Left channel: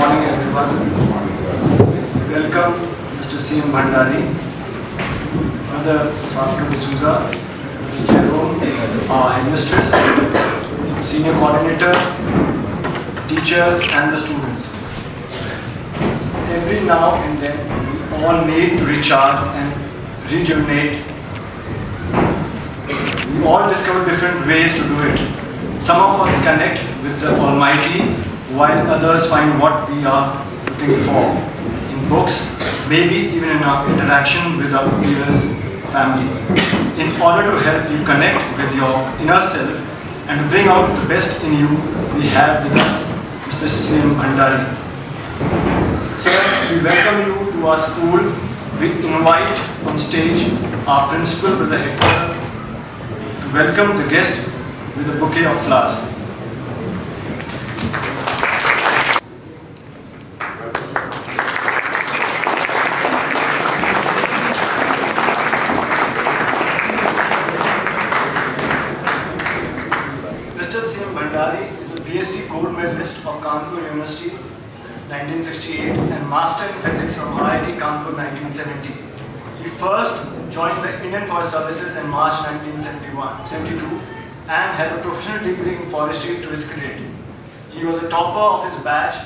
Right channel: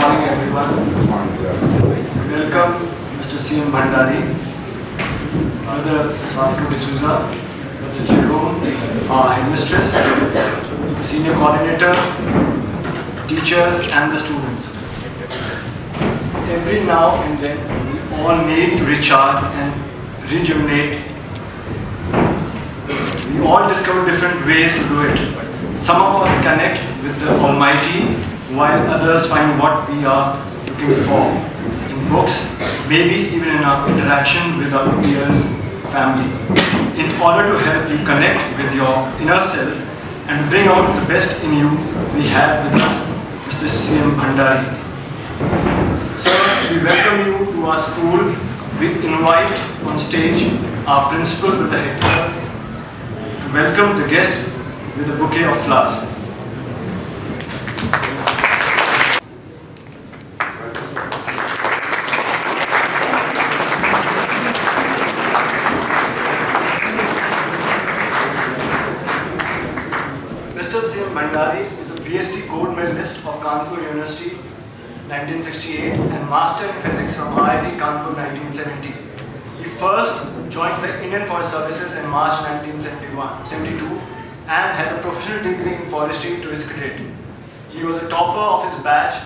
morning, everyone. Welcome, Mr. C.M. Bhandari, Mother Sarko D'Souza, Mr. Jerome, our headmistress, senior coordinator, teachers, and the students. Every now and then, we all need to recharge and rejuvenate. We all discover different ways to do it. Some of us connect with the Almighty, while others find what we are looking for in books, maybe even in our interaction with our peers, family. In order to help you connect with your inner self and bring out the best in you, we have with us Mr. C.M. Bhandari. Sir, we welcome you to our school. We invite on stage our principal with the headgear to welcome the guest with a bouquet of flowers. Mr. C.M. Bhandari is a BSc Gold Medalist of Kanpur University 1968 and Master in Physics from IIT Kanpur 1970. He first joined the Indian Forest Services in March 1972 and had a professional degree in forestry to his credit. He was a topper of his batch,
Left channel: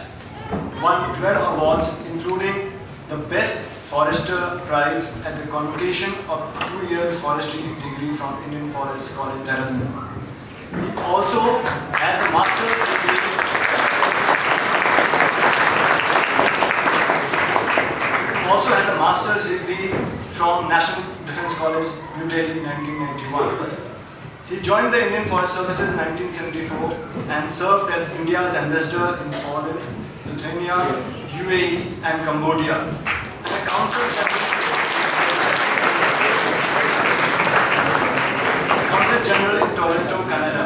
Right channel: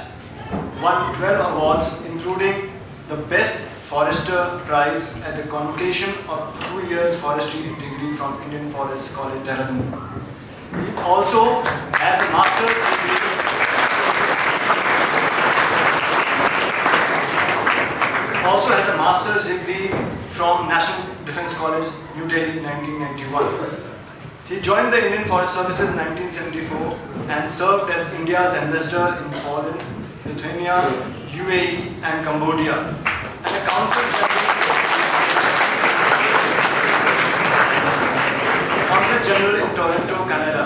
won 12 awards including the Best Forester Prize at the convocation of 2 years forestry degree from Indian Forest College, Dehradun. He also has a master's degree. Also has a master's degree from National Defence College, New Delhi, 1991. He joined the Indian Forest Services in 1974 and served as India's ambassador in Poland, Lithuania, UAE, and Cambodia. And a council general in Toronto, Canada.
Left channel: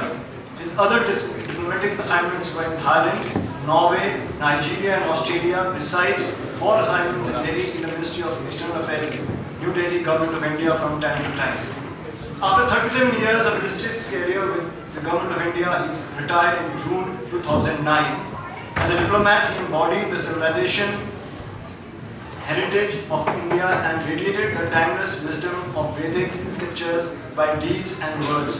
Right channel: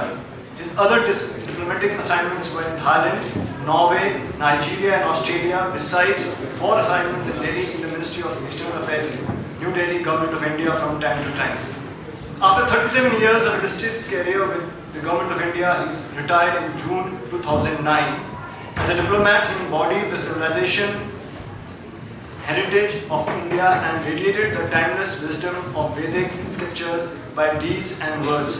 His other diplomatic assignments were in Thailand, Norway, Nigeria, and Australia, besides 4 assignments in Delhi in the Ministry of External Affairs, New Delhi, Government of India from time to time. After 37 years of illustrious career with the Government of India, he retired in June 2009. As a diplomat, he embodied the civilization heritage of India and radiated the timeless wisdom of Vedic scriptures by deeds and words.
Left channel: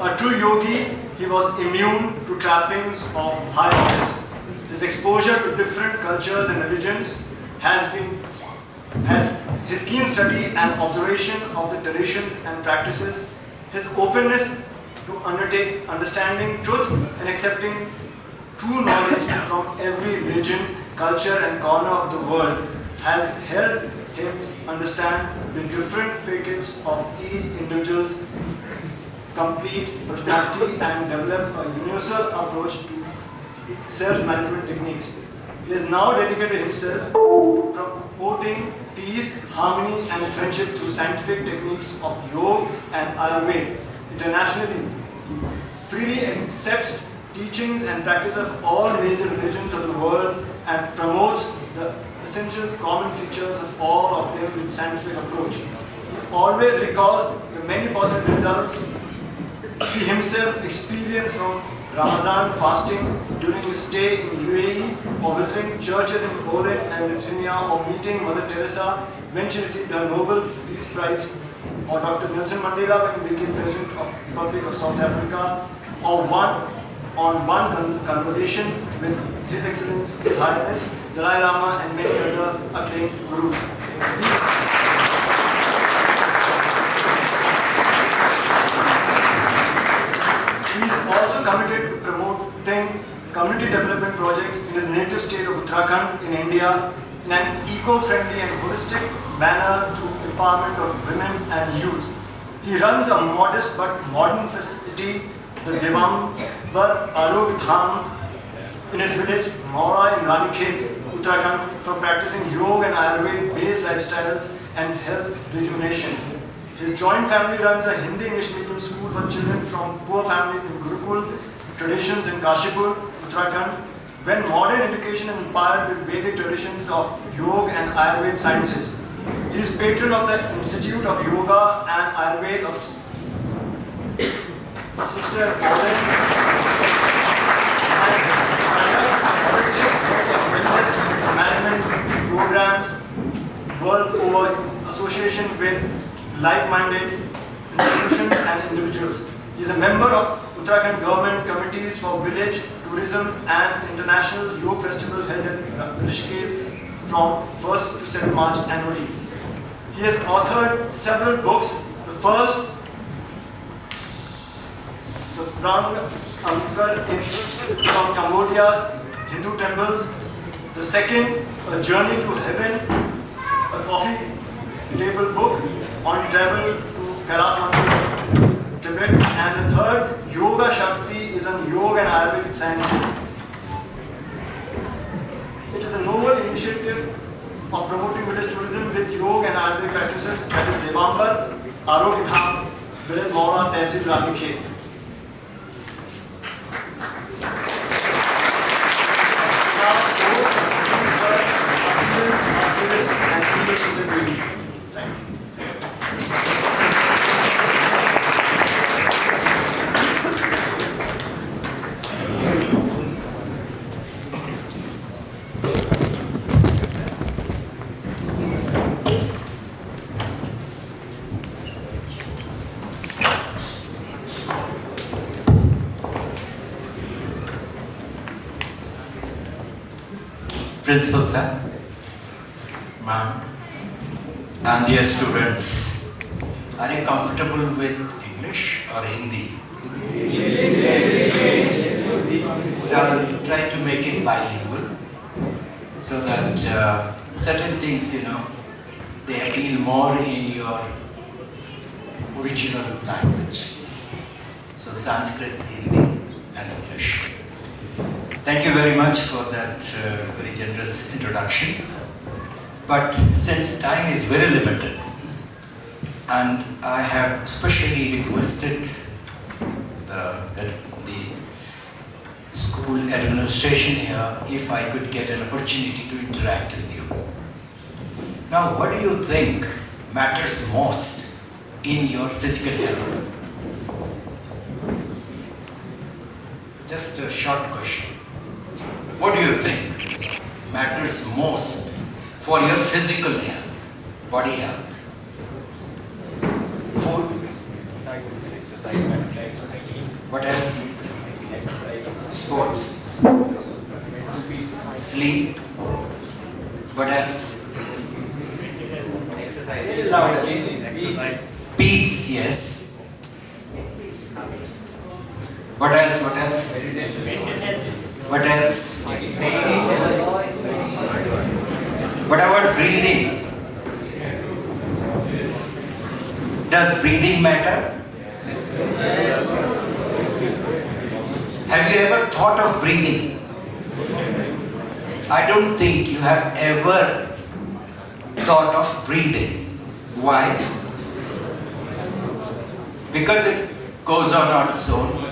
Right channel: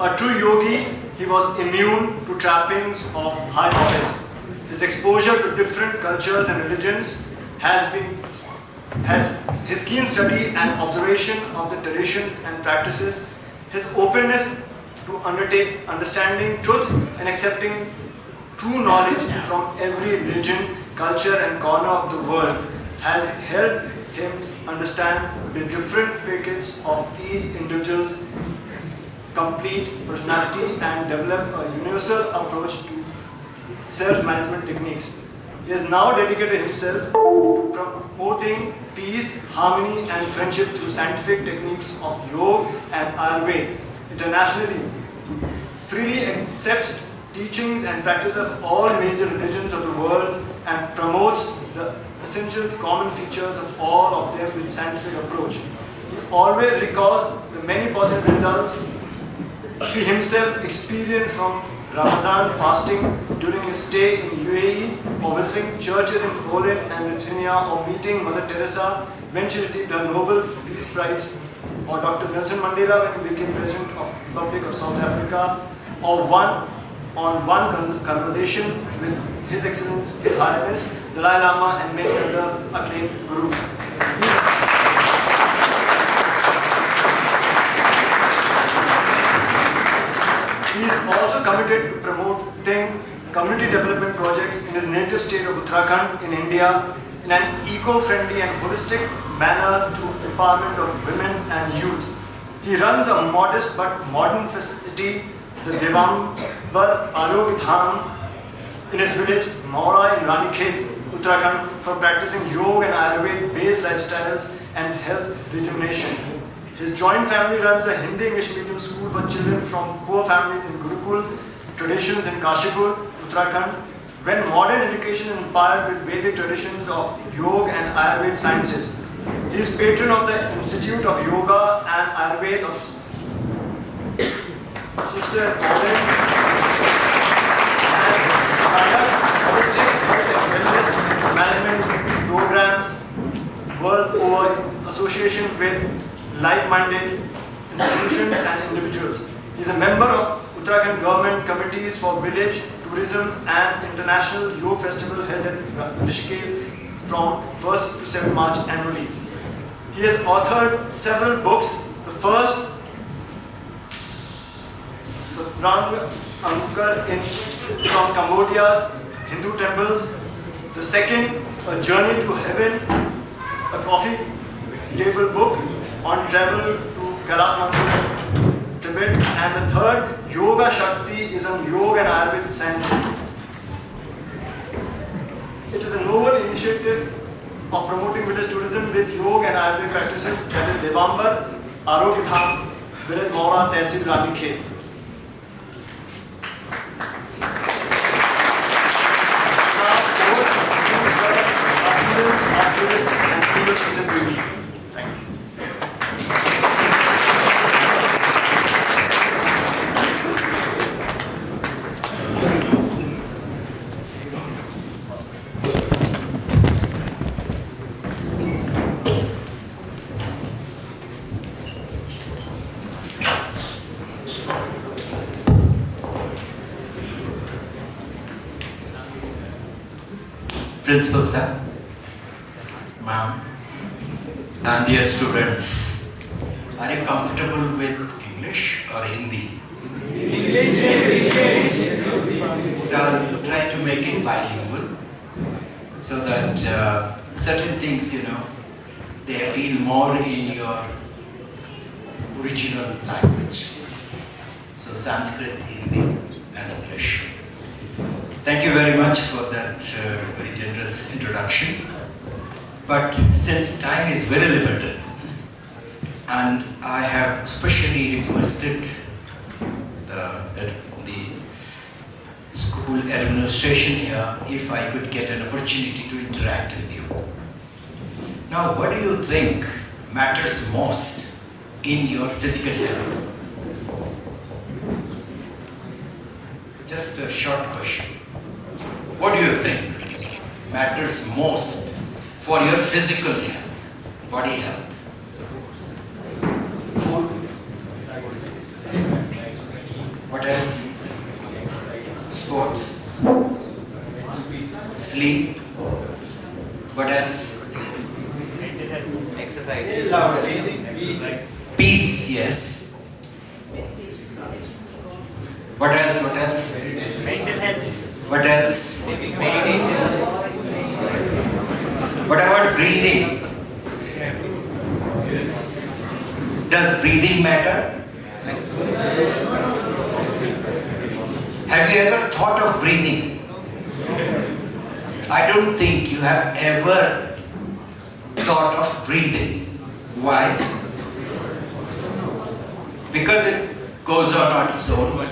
A true yogi, he was immune to trappings of high knowledge. His exposure to different cultures and religions has his keen study and observation of the traditions and practices, his openness to understanding truth and accepting true knowledge from every religion, culture, and corner of the world has helped him understand the different facets of each individual's complete personality and develop a universal approach to self-management techniques. He has now dedicated himself to promoting peace, harmony, and friendship through scientific techniques of yoga and Ayurveda. Internationally, he freely accepts teachings and practice of all major religions of the world and promotes the essential common features of all of them with scientific approach. He always recalls the many positive results he himself experienced from Ramadan fasting during his stay in UAE or visiting churches in Poland and Lithuania or meeting Mother Teresa when she received her Nobel Peace Prize, or Dr. Nelson Mandela when he became President of the Republic of South Africa, or one conversation with His Excellency His Highness Dalai Lama and many other acclaimed gurus. He is also committed to promoting community development projects in his native state of Uttarakhand in India in an eco-friendly and holistic manner through empowerment of women and youth. He runs a modest but modern facility, the Devambar Arovidham, in his village Maura in Ranikhet, Uttarakhand, for practicing yoga and Ayurveda-based lifestyles and health rejuvenation. His joint family runs a Hindi-English medium school for children from poor families in Gurukul traditions in Kashipur, Uttarakhand, when modern education is inspired with Vedic traditions of yoga and Ayurveda sciences. He is patron of the Institute of Yoga and Ayurveda of Sister Holistic Health and Wellness like-minded institutions and individuals. He is a member of Uttarakhand Government Committees for Village Tourism and International Yoga Festival held in Rishikesh from 1st to 7th March annually. He has authored several books. The first, from Cambodia's Hindu temples. The second, A Journey to Heaven, a coffee table book on travel to Kailash Mountain, Tibet. And the third, Yoga Shakti, is on yoga and Ayurvedic sciences. It is a novel initiative of promoting village tourism with yoga and Ayurvedic practices that is Devambar, Arogya Dham, village Maura, Tehsil, Ranikhet. Principal sir, ma'am, and dear students, are you comfortable with English or Hindi? So I'll try to make it bilingual so that certain things, they appeal more in your original language. So Sanskrit, Hindi, and English. Thank you very much for that very generous introduction. But since time is very limited, and I have specially requested the school administration here if I could get an opportunity to interact with you. Now, what do you think matters most in your physical health? Just a short question. What do you think matters most for your physical health, body health? Food? What else? Sports? Sleep? What else? Exercise. Peace, yes. What else? What else? Mental health. What else? Meditation. What about breathing? Does breathing matter? Have you ever thought of breathing? I don't think you have ever thought of breathing. Why? Because it goes on its own.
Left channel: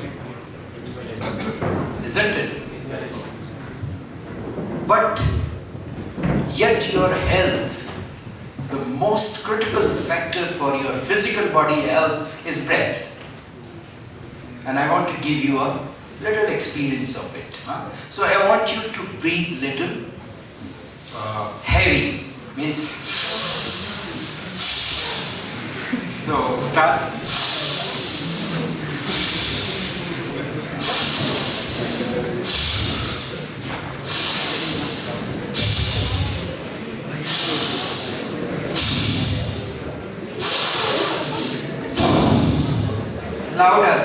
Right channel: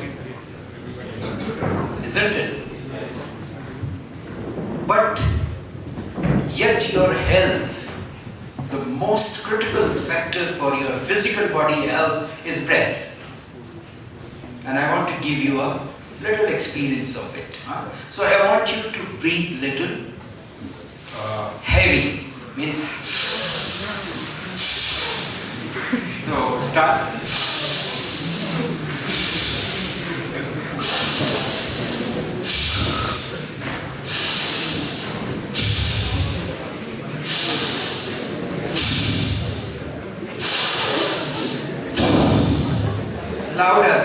Isn't it? But yet your health, the most critical factor for your physical body health is breath. And I want to give you a little experience of it. So I want you to breathe little heavy, means so start. Louder.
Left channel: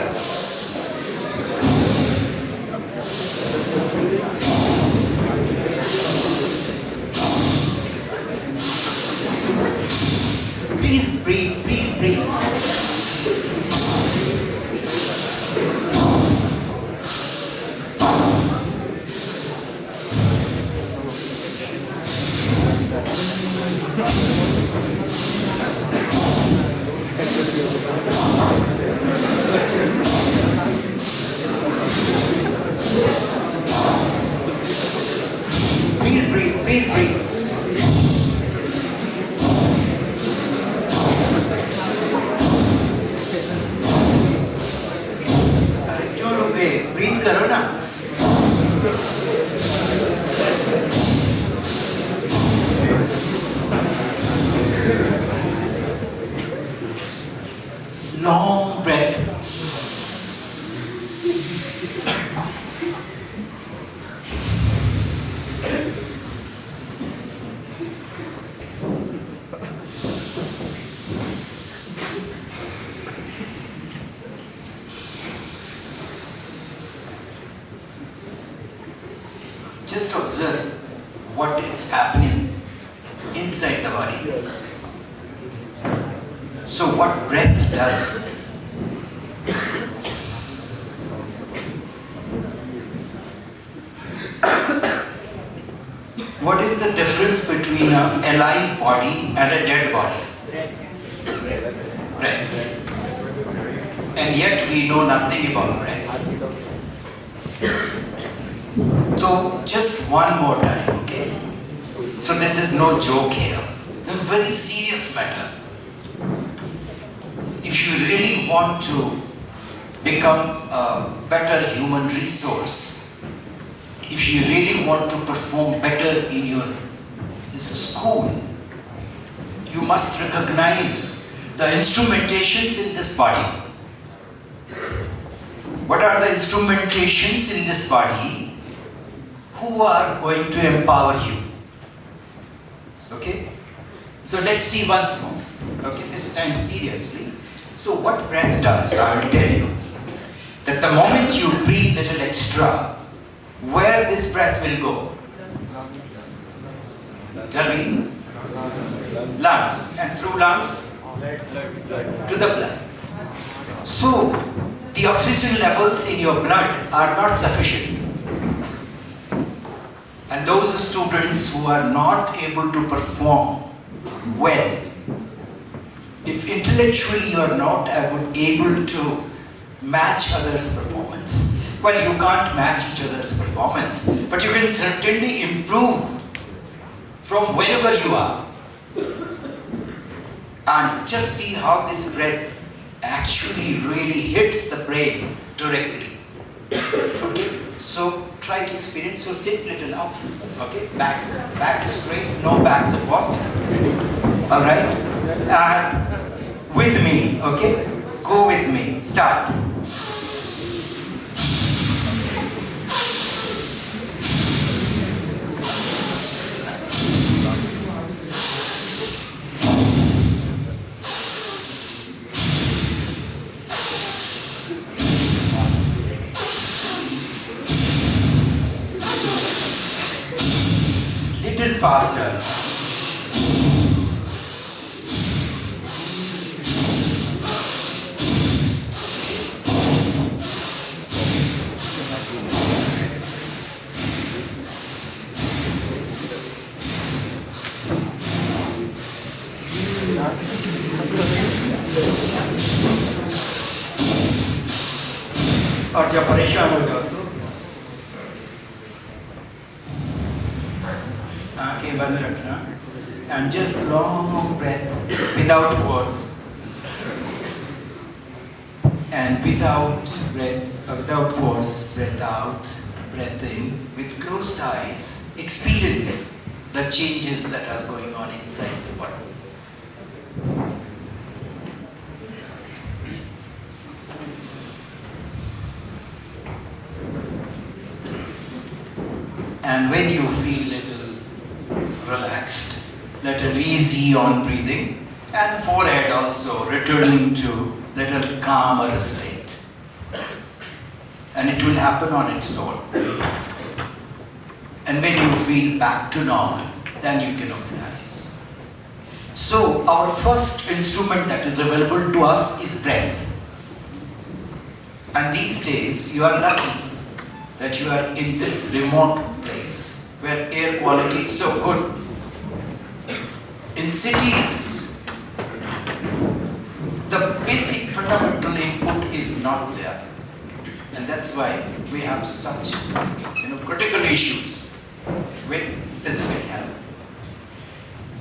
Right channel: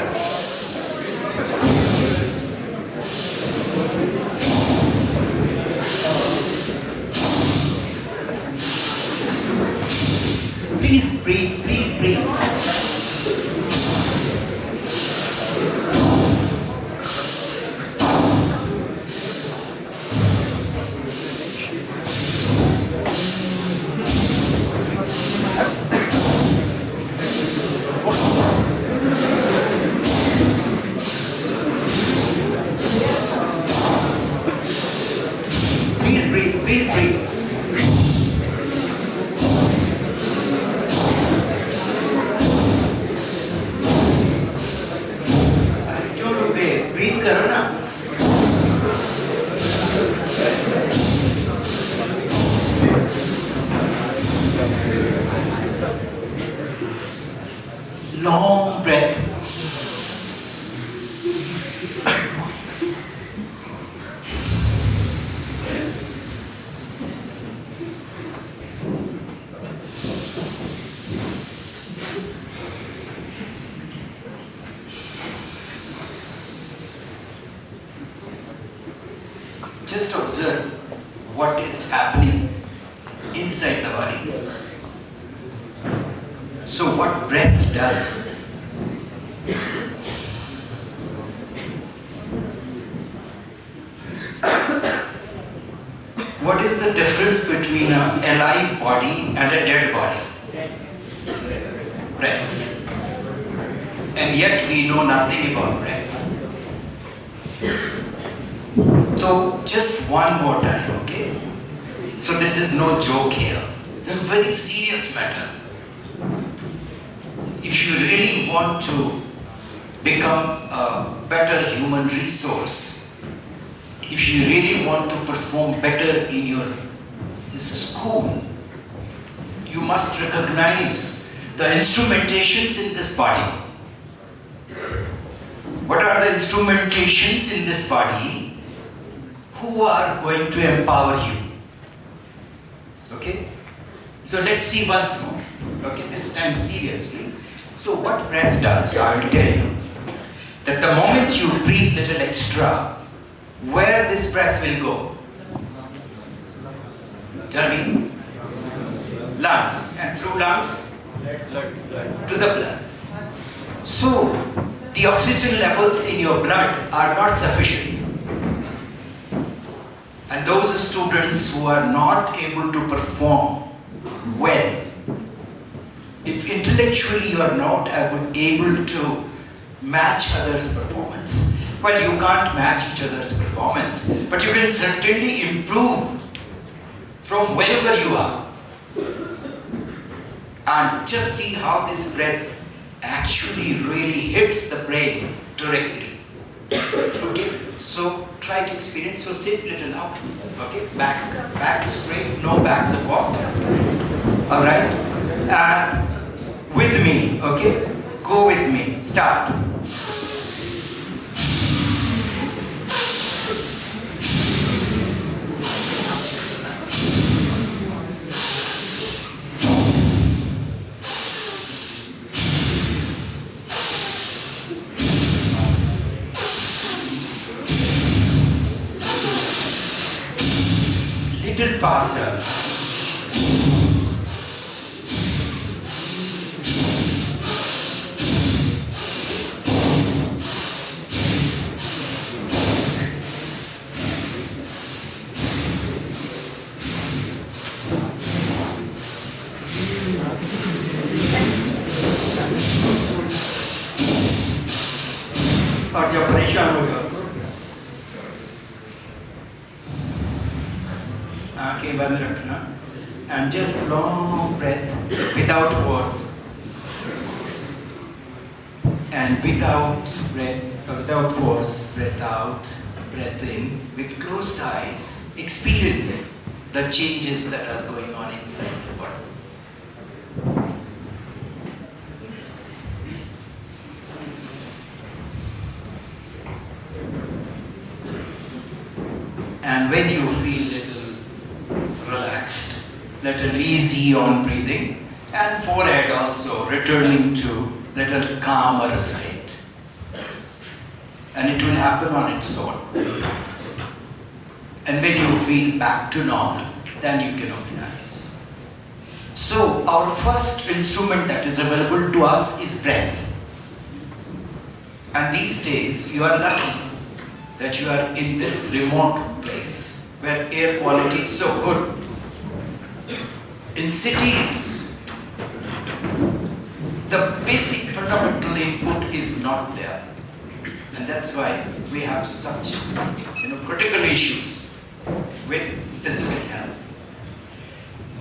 Please breathe, please breathe. Please breathe, please breathe. Breathe करो ना. what is happening inside the body. So what breath does? What is the difference between an alive body and a dead body? Breath. And yet we know nothing about breath. So just one more time, okay? So this is no joke here. This is a very serious matter. If you really want to become a better human resource, if you really want to perform better in your school, you must recognize the instrumentations in this body. What are the instrumentations in this body? Who are going to empower you? Okay? So let's see once more. Okay, this time seriously. So what breath does, I will tell you. That the moment you breathe little extra, where this breath will go? Tell me. Lungs. And through lungs? To the blood. So, the oxygen levels in your blood are not sufficient. And those students who are not able to perform well, if intellectually you are not able to match others' performance, well, you can't match each other's performance, but you can certainly improve from wherever you are. And just see how this breath actually really hits the brain directly. Okay, so try to experience. So sit little up. Okay, back straight, no back support. All right, and with me. Okay, go with me. Start. Little faster. और जब परेशान हो जाओ तो आंखें बंद रखना and just long breath without words and without force, breath out, breath in, with closed eyes, experience the changes that are going on inside the body. And when you feel little relaxed, little easy on breathing, and forehead also returning to little calmer state. And it will happen on its own. And when you feel back to normal, then you can open eyes. So our first instrument that is available to us is breath. And these days you are lucky that you are in this remote place where air quality is so good. In cities, the basic fundamental input is not there. And that's why we have such critical issues with physical health.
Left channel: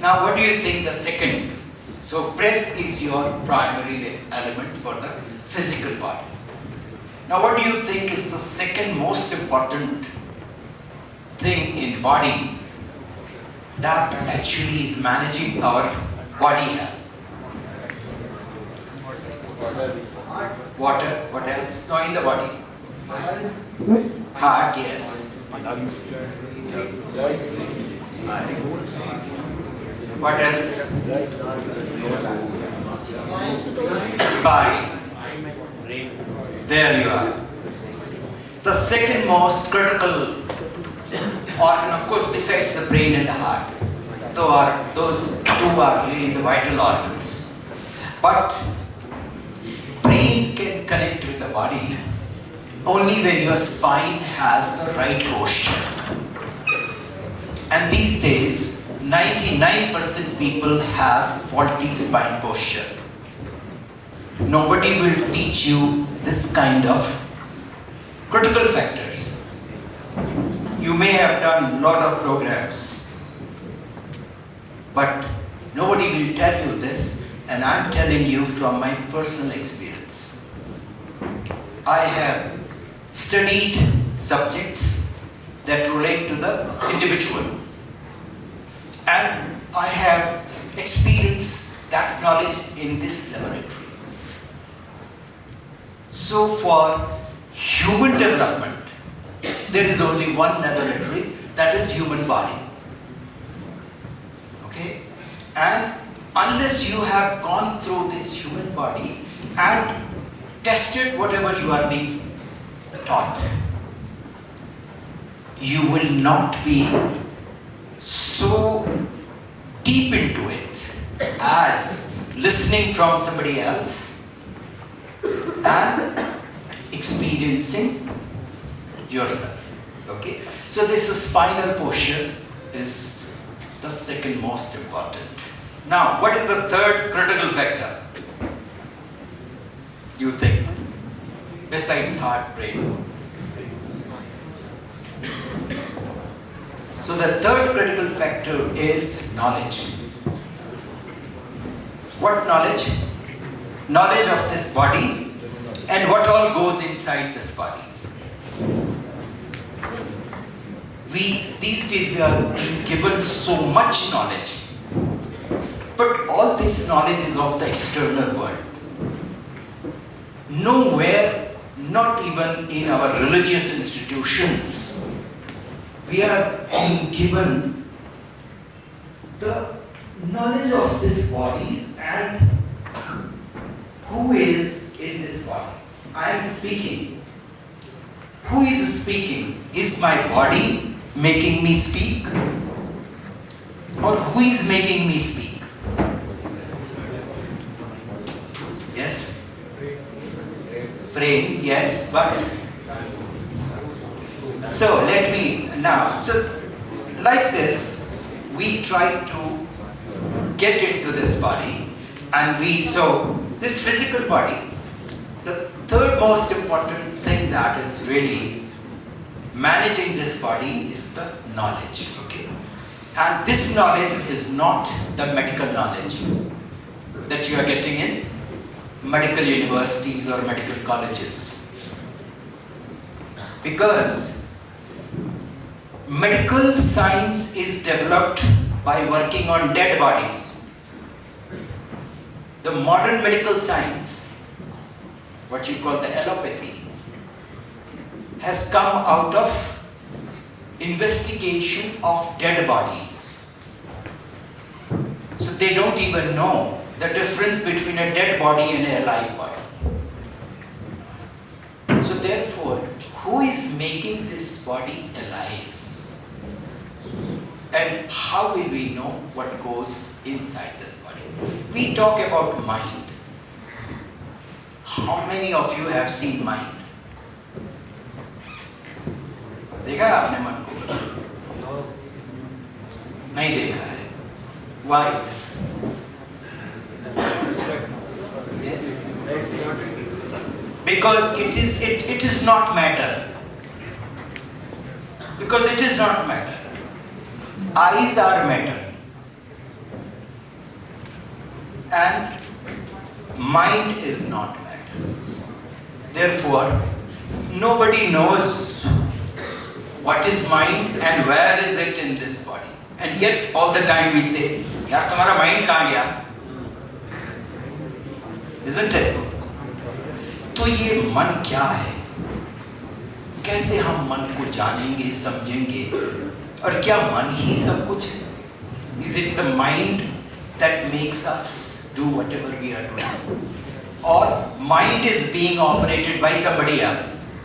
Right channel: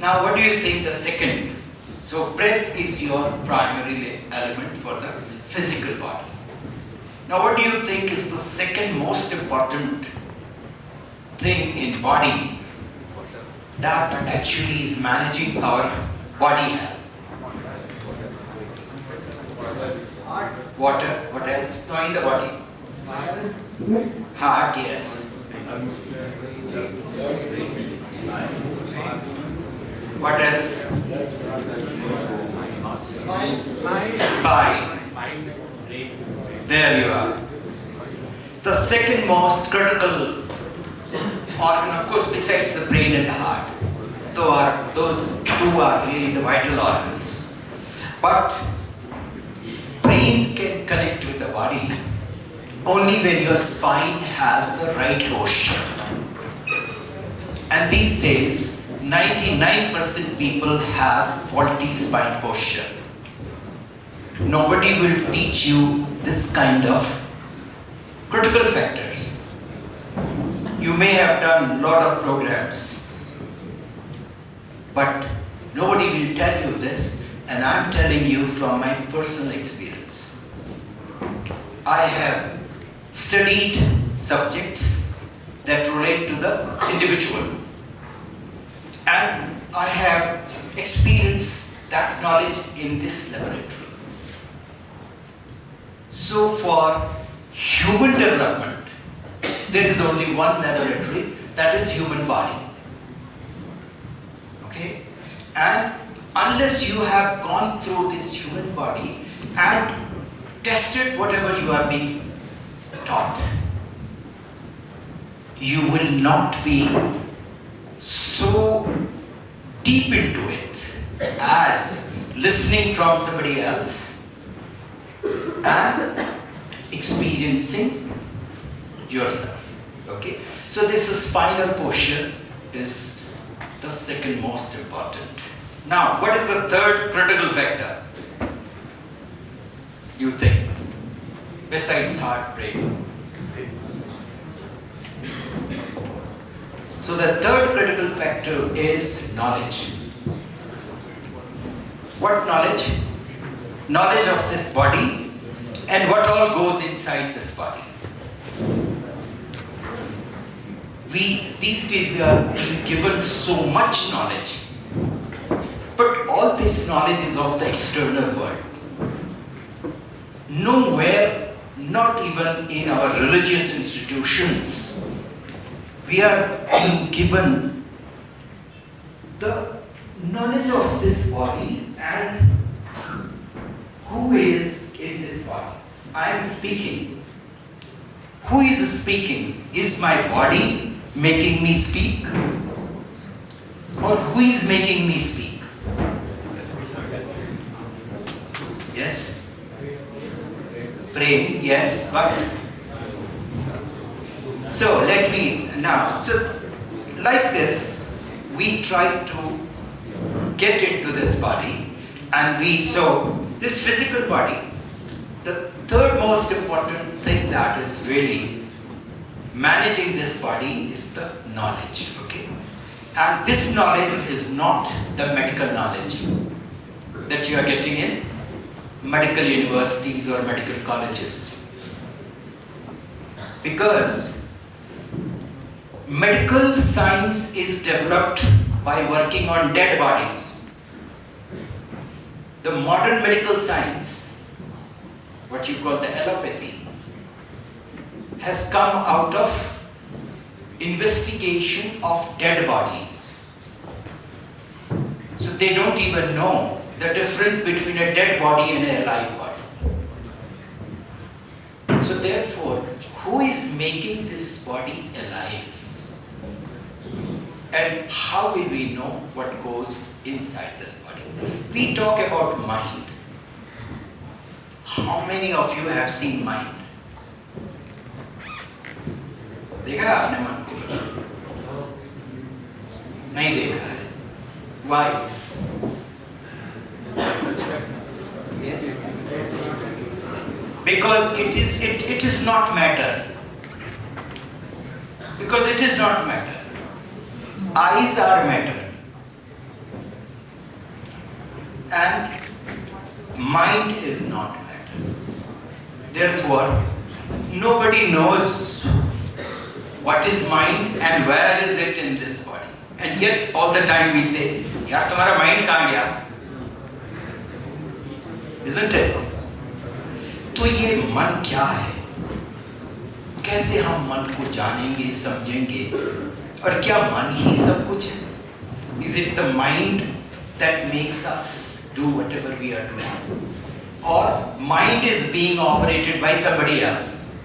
Now what do you think the second? So breath is your primary element for the physical body. Now what do you think is the second most important thing in body that actually is managing our body health? Water. What else? No, in the body. Heart, yes. What else? Spine. There you are. The second most critical organ, of course, besides the brain and the heart. Those two are really the vital organs. But brain can connect with the body only when your spine has the right posture. And these days, 99% people have faulty spine posture. Nobody will teach you this kind of critical factors. You may have done a lot of programs, but nobody will tell you this, and I'm telling you from my personal experience. I have studied subjects that relate to the individual, and I have experienced that knowledge in this laboratory. So for human development, there is only one laboratory, that is human body. Okay? And unless you have gone through this human body and tested whatever you are being taught, you will not be so deep into it as listening from somebody else and experiencing yourself. Okay? So this spinal posture is the second most important. Now, what is the third critical factor? You think? Besides heart, brain. So the third critical factor is knowledge. What knowledge? Knowledge of this body and what all goes inside this body. These days we are being given so much knowledge, but all this knowledge is of the external world. Nowhere, not even in our religious institutions, we are being given the knowledge of this body and who is in this body. I am speaking. Who is speaking? Is my body making me speak? Or who is making me speak? Yes? Brain, yes, but so let me now, so like this, we try to get into this body, and so this physical body, the third most important thing that is really managing this body is the knowledge, okay? And this knowledge is not the medical knowledge that you are getting in medical universities or medical colleges. Because medical science is developed by working on dead bodies. The modern medical science, what you call the allopathy, has come out of investigation of dead bodies. So they don't even know the difference between a dead body and a alive body. So therefore, who is making this body alive? And how will we know what goes inside this body? We talk about mind. How many of you have seen mind? देखा है आपने मन को? नहीं देखा है. Why? Yes. Because it is not matter. Because it is not matter. Eyes are matter. And mind is not matter. Therefore, nobody knows what is mind and where is it in this body. And yet all the time we say, यार तुम्हारा mind कहाँ गया? Isn't it? तो ये मन क्या है? कैसे हम मन को जानेंगे, समझेंगे? और क्या मन ही सब कुछ है? Is it the mind that makes us do whatever we are doing? Or mind is being operated by somebody else?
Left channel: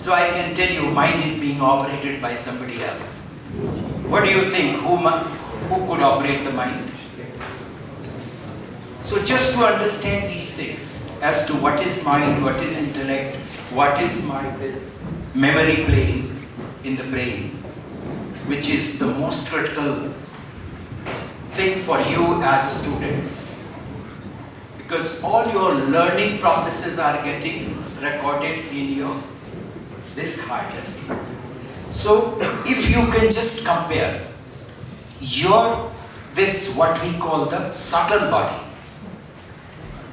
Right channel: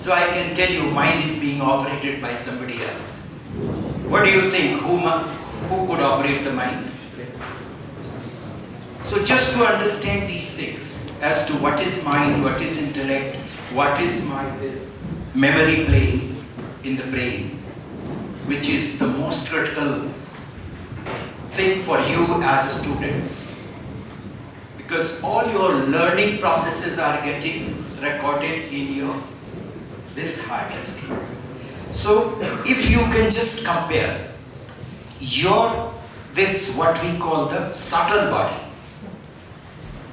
So I can tell you mind is being operated by somebody else. What do you think? Who could operate the mind? So just to understand these things as to what is mind, what is intellect, what is this memory plane in the brain, which is the most critical thing for you as a students. Because all your learning processes are getting recorded in this hard disk. So if you can just compare this what we call the subtle body,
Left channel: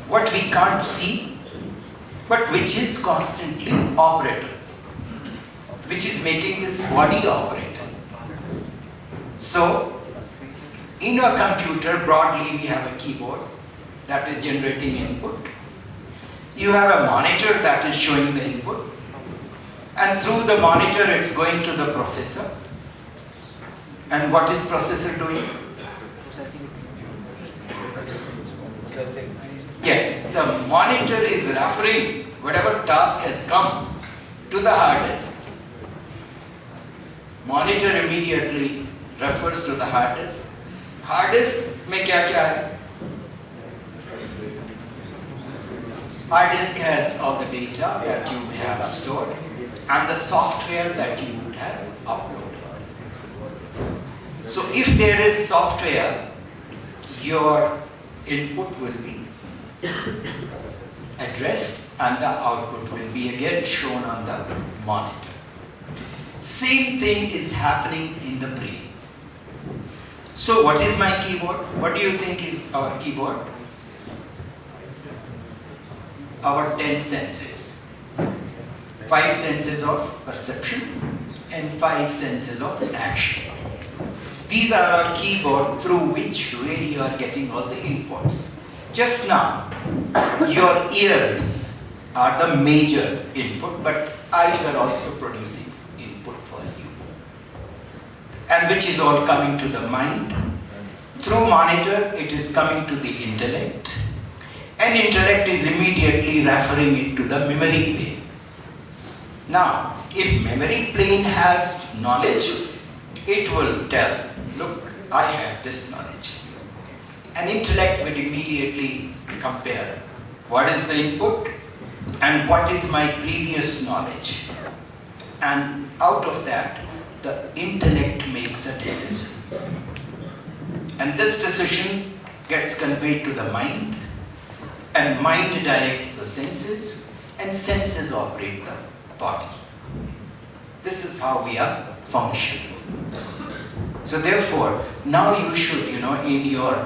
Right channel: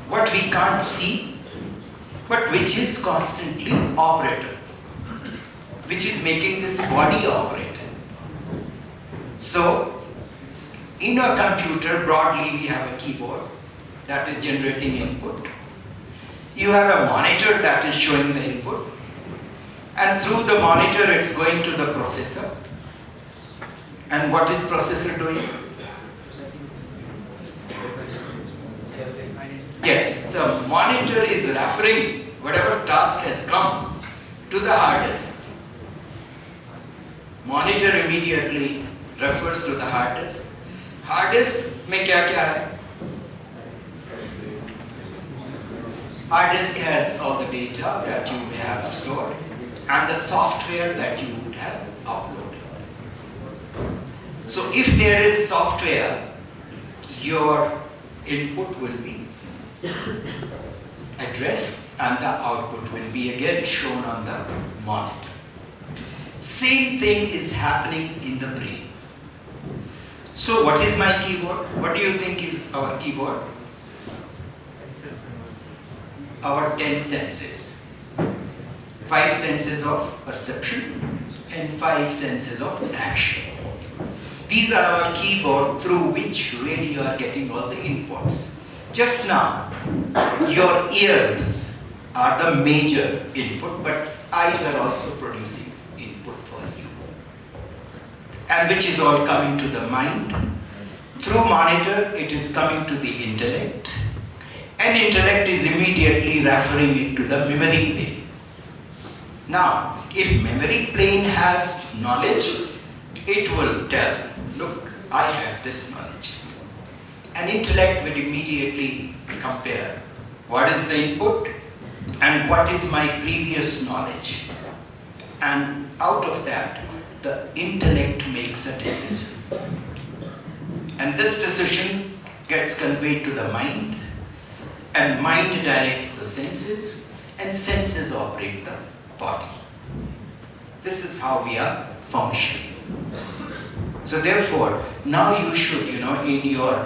what we can't see, but which is constantly operated, which is making this body operate. So in a computer, broadly we have a keyboard that is generating input. You have a monitor that is showing the input. And through the monitor, it's going to the processor. And what is processor doing? Yes, the monitor is referring whatever task has come to the hard disk. Monitor immediately refers to the hard disk. Hard disk में क्या है? Hard disk has all the data that you may have stored and the software that you would have uploaded. So if there is software, your input will be addressed and the output will be again shown on the monitor. Same thing is happening in the brain. So what is my keyboard? What do you think is our keyboard? Our 10 senses. 5 senses of perception and 5 senses of action. These are our keyboard through which really you are getting all the inputs. Just now, your ears are the major input, but eyes are also producing input for you. And which is all coming to the mind. Through monitor, it is coming to the intellect. And intellect is immediately referring it to the memory plane. Now, if memory plane has knowledge, it will tell, look, I have this knowledge. And intellect will immediately compare what is the input and what is my previous knowledge. And out of that, the intellect makes a decision. And this decision gets conveyed to the mind, and mind directs the senses, and senses operate the body. This is how we are functioning. So therefore, now you should, in your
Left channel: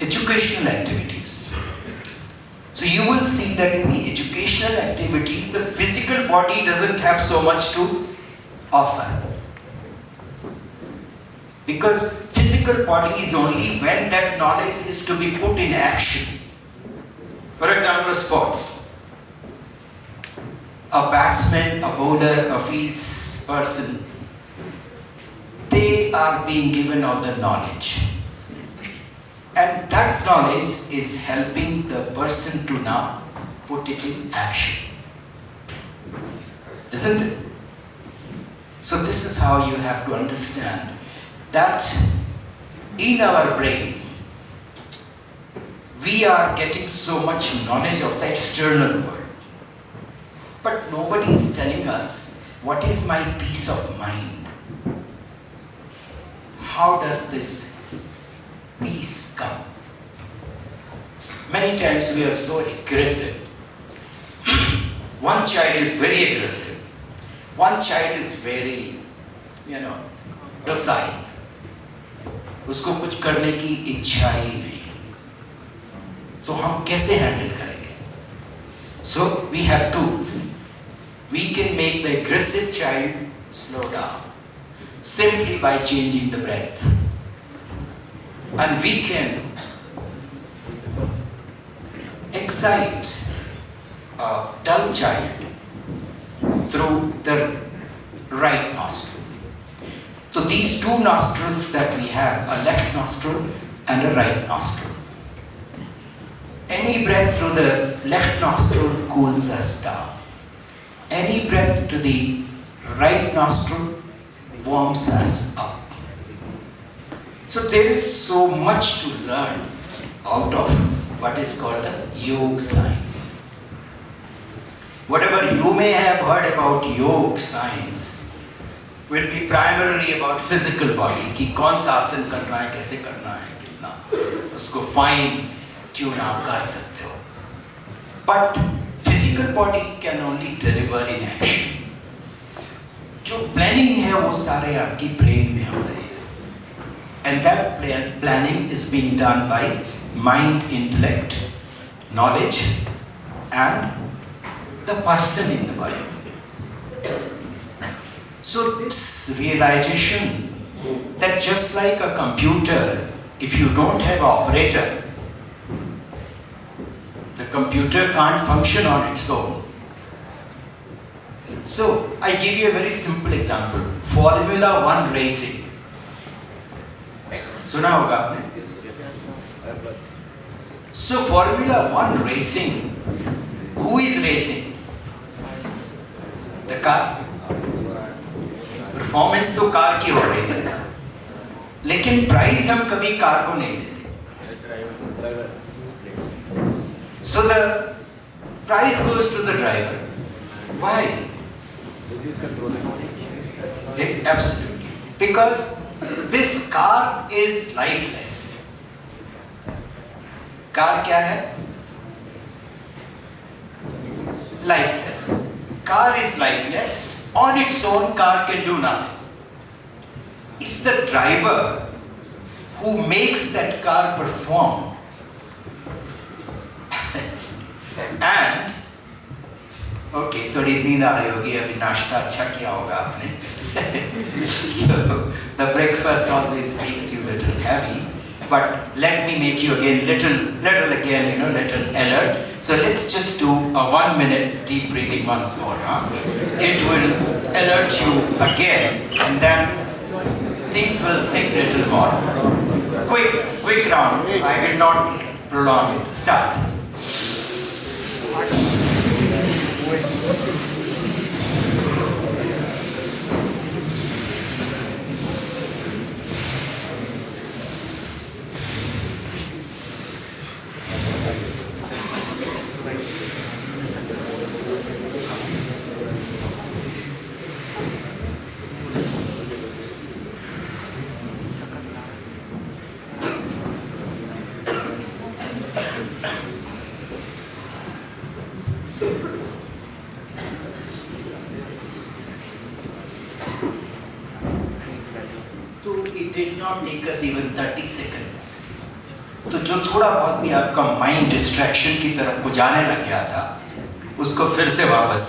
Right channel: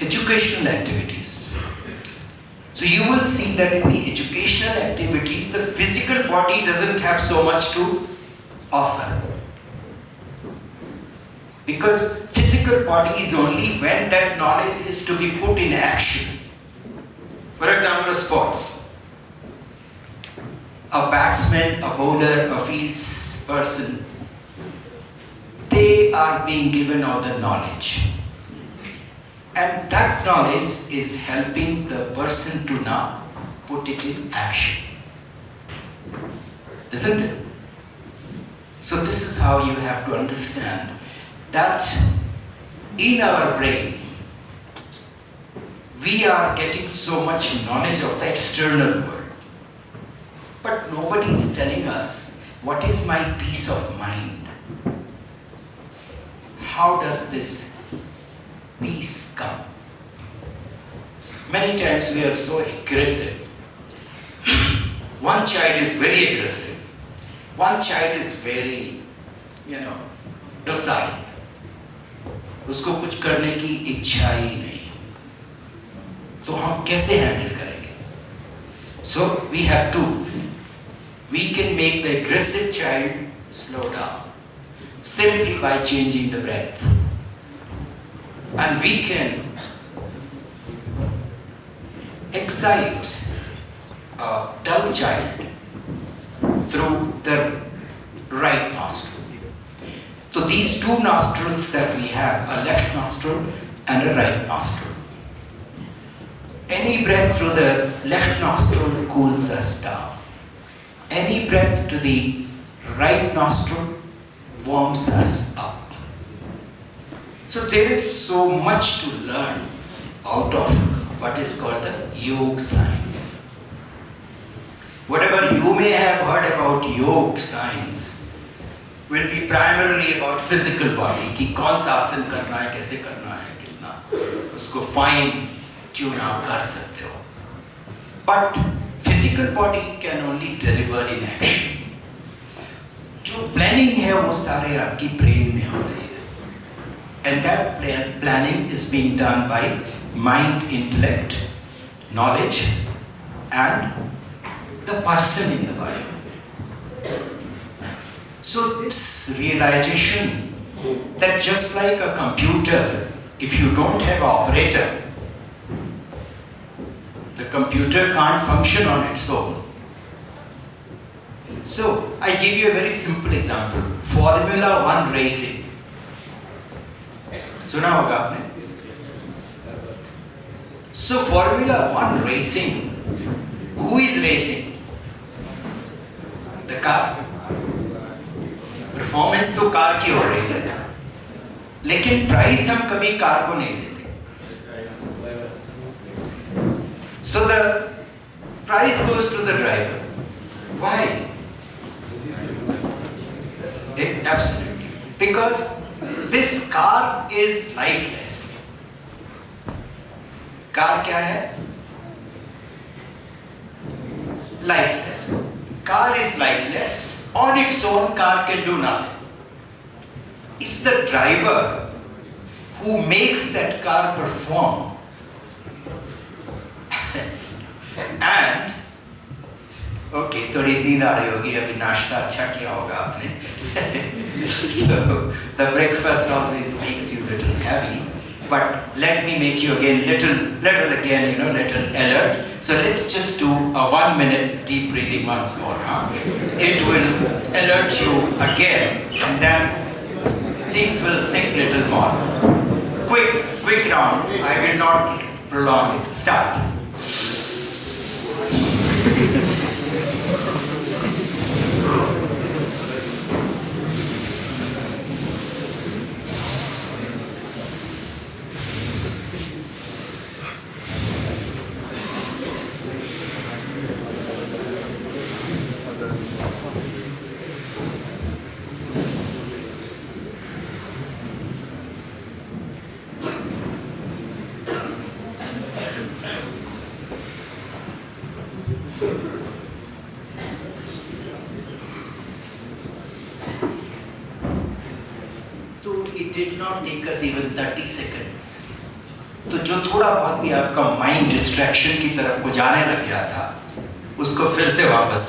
educational activities. So you will see that in the educational activities, the physical body doesn't have so much to offer. Because physical body is only when that knowledge is to be put in action. For example, sports. A batsman, a bowler, a fields person, they are being given all the knowledge. And that knowledge is helping the person to now put it in action. Isn't it? So this is how you have to understand that in our brain, we are getting so much knowledge of the external world. But nobody is telling us, what is my peace of mind? How does this peace come? Many times we are so aggressive. One child is very aggressive. One child is very, docile. उसको कुछ करने की इच्छा ही नहीं. तो हम कैसे handle करेंगे? So we have tools. We can make the aggressive child slow down simply by changing the breath. And we can excite a dull child through the right nostril. So these two nostrils that we have, a left nostril and a right nostril. Any breath through the left nostril cools us down. Any breath to the right nostril warms us up. So there is so much to learn out of what is called the yoga science. Whatever you may have heard about yoga science will be primarily about physical body, कि कौन सा आसन करना है, कैसे करना है, कितना उसको fine tune आप कर सकते हो. But physical body can only deliver in action. जो planning है वो सारे आपकी brain में हो रहे हैं. And that planning is being done by mind, intellect, knowledge, and the person in the body. So this realization that just like a computer, if you don't have an operator, the computer can't function on its own. So I give you a very simple example. Formula 1 racing. सुना होगा आपने? So Formula 1 racing, who is racing? The car. Performance तो car की हो रही है, लेकिन price हम कभी कार को नहीं देते. So the prize goes to the driver. Why? Absolutely. Because this car is lifeless. Car क्या है? Lifeless. Car is lifeless. On its own, car can do nothing. It's the driver who makes that car perform. And okay, थोड़ी नींद आ रही होगी, अभी नाश्ता अच्छा किया होगा आपने. So the breakfast always makes you a little heavy, but let me make you again little again, little alert. So let's just do a 1 minute deep breathing once more. It will alert you again, and then things will sink a little more. Quick round. I will not prolong it. Start. It did not take us even 30 seconds. तो जो थोड़ा बहुत भी आपका mind distraction की तरफ को जाने लग गया था, उसको फिर से वापस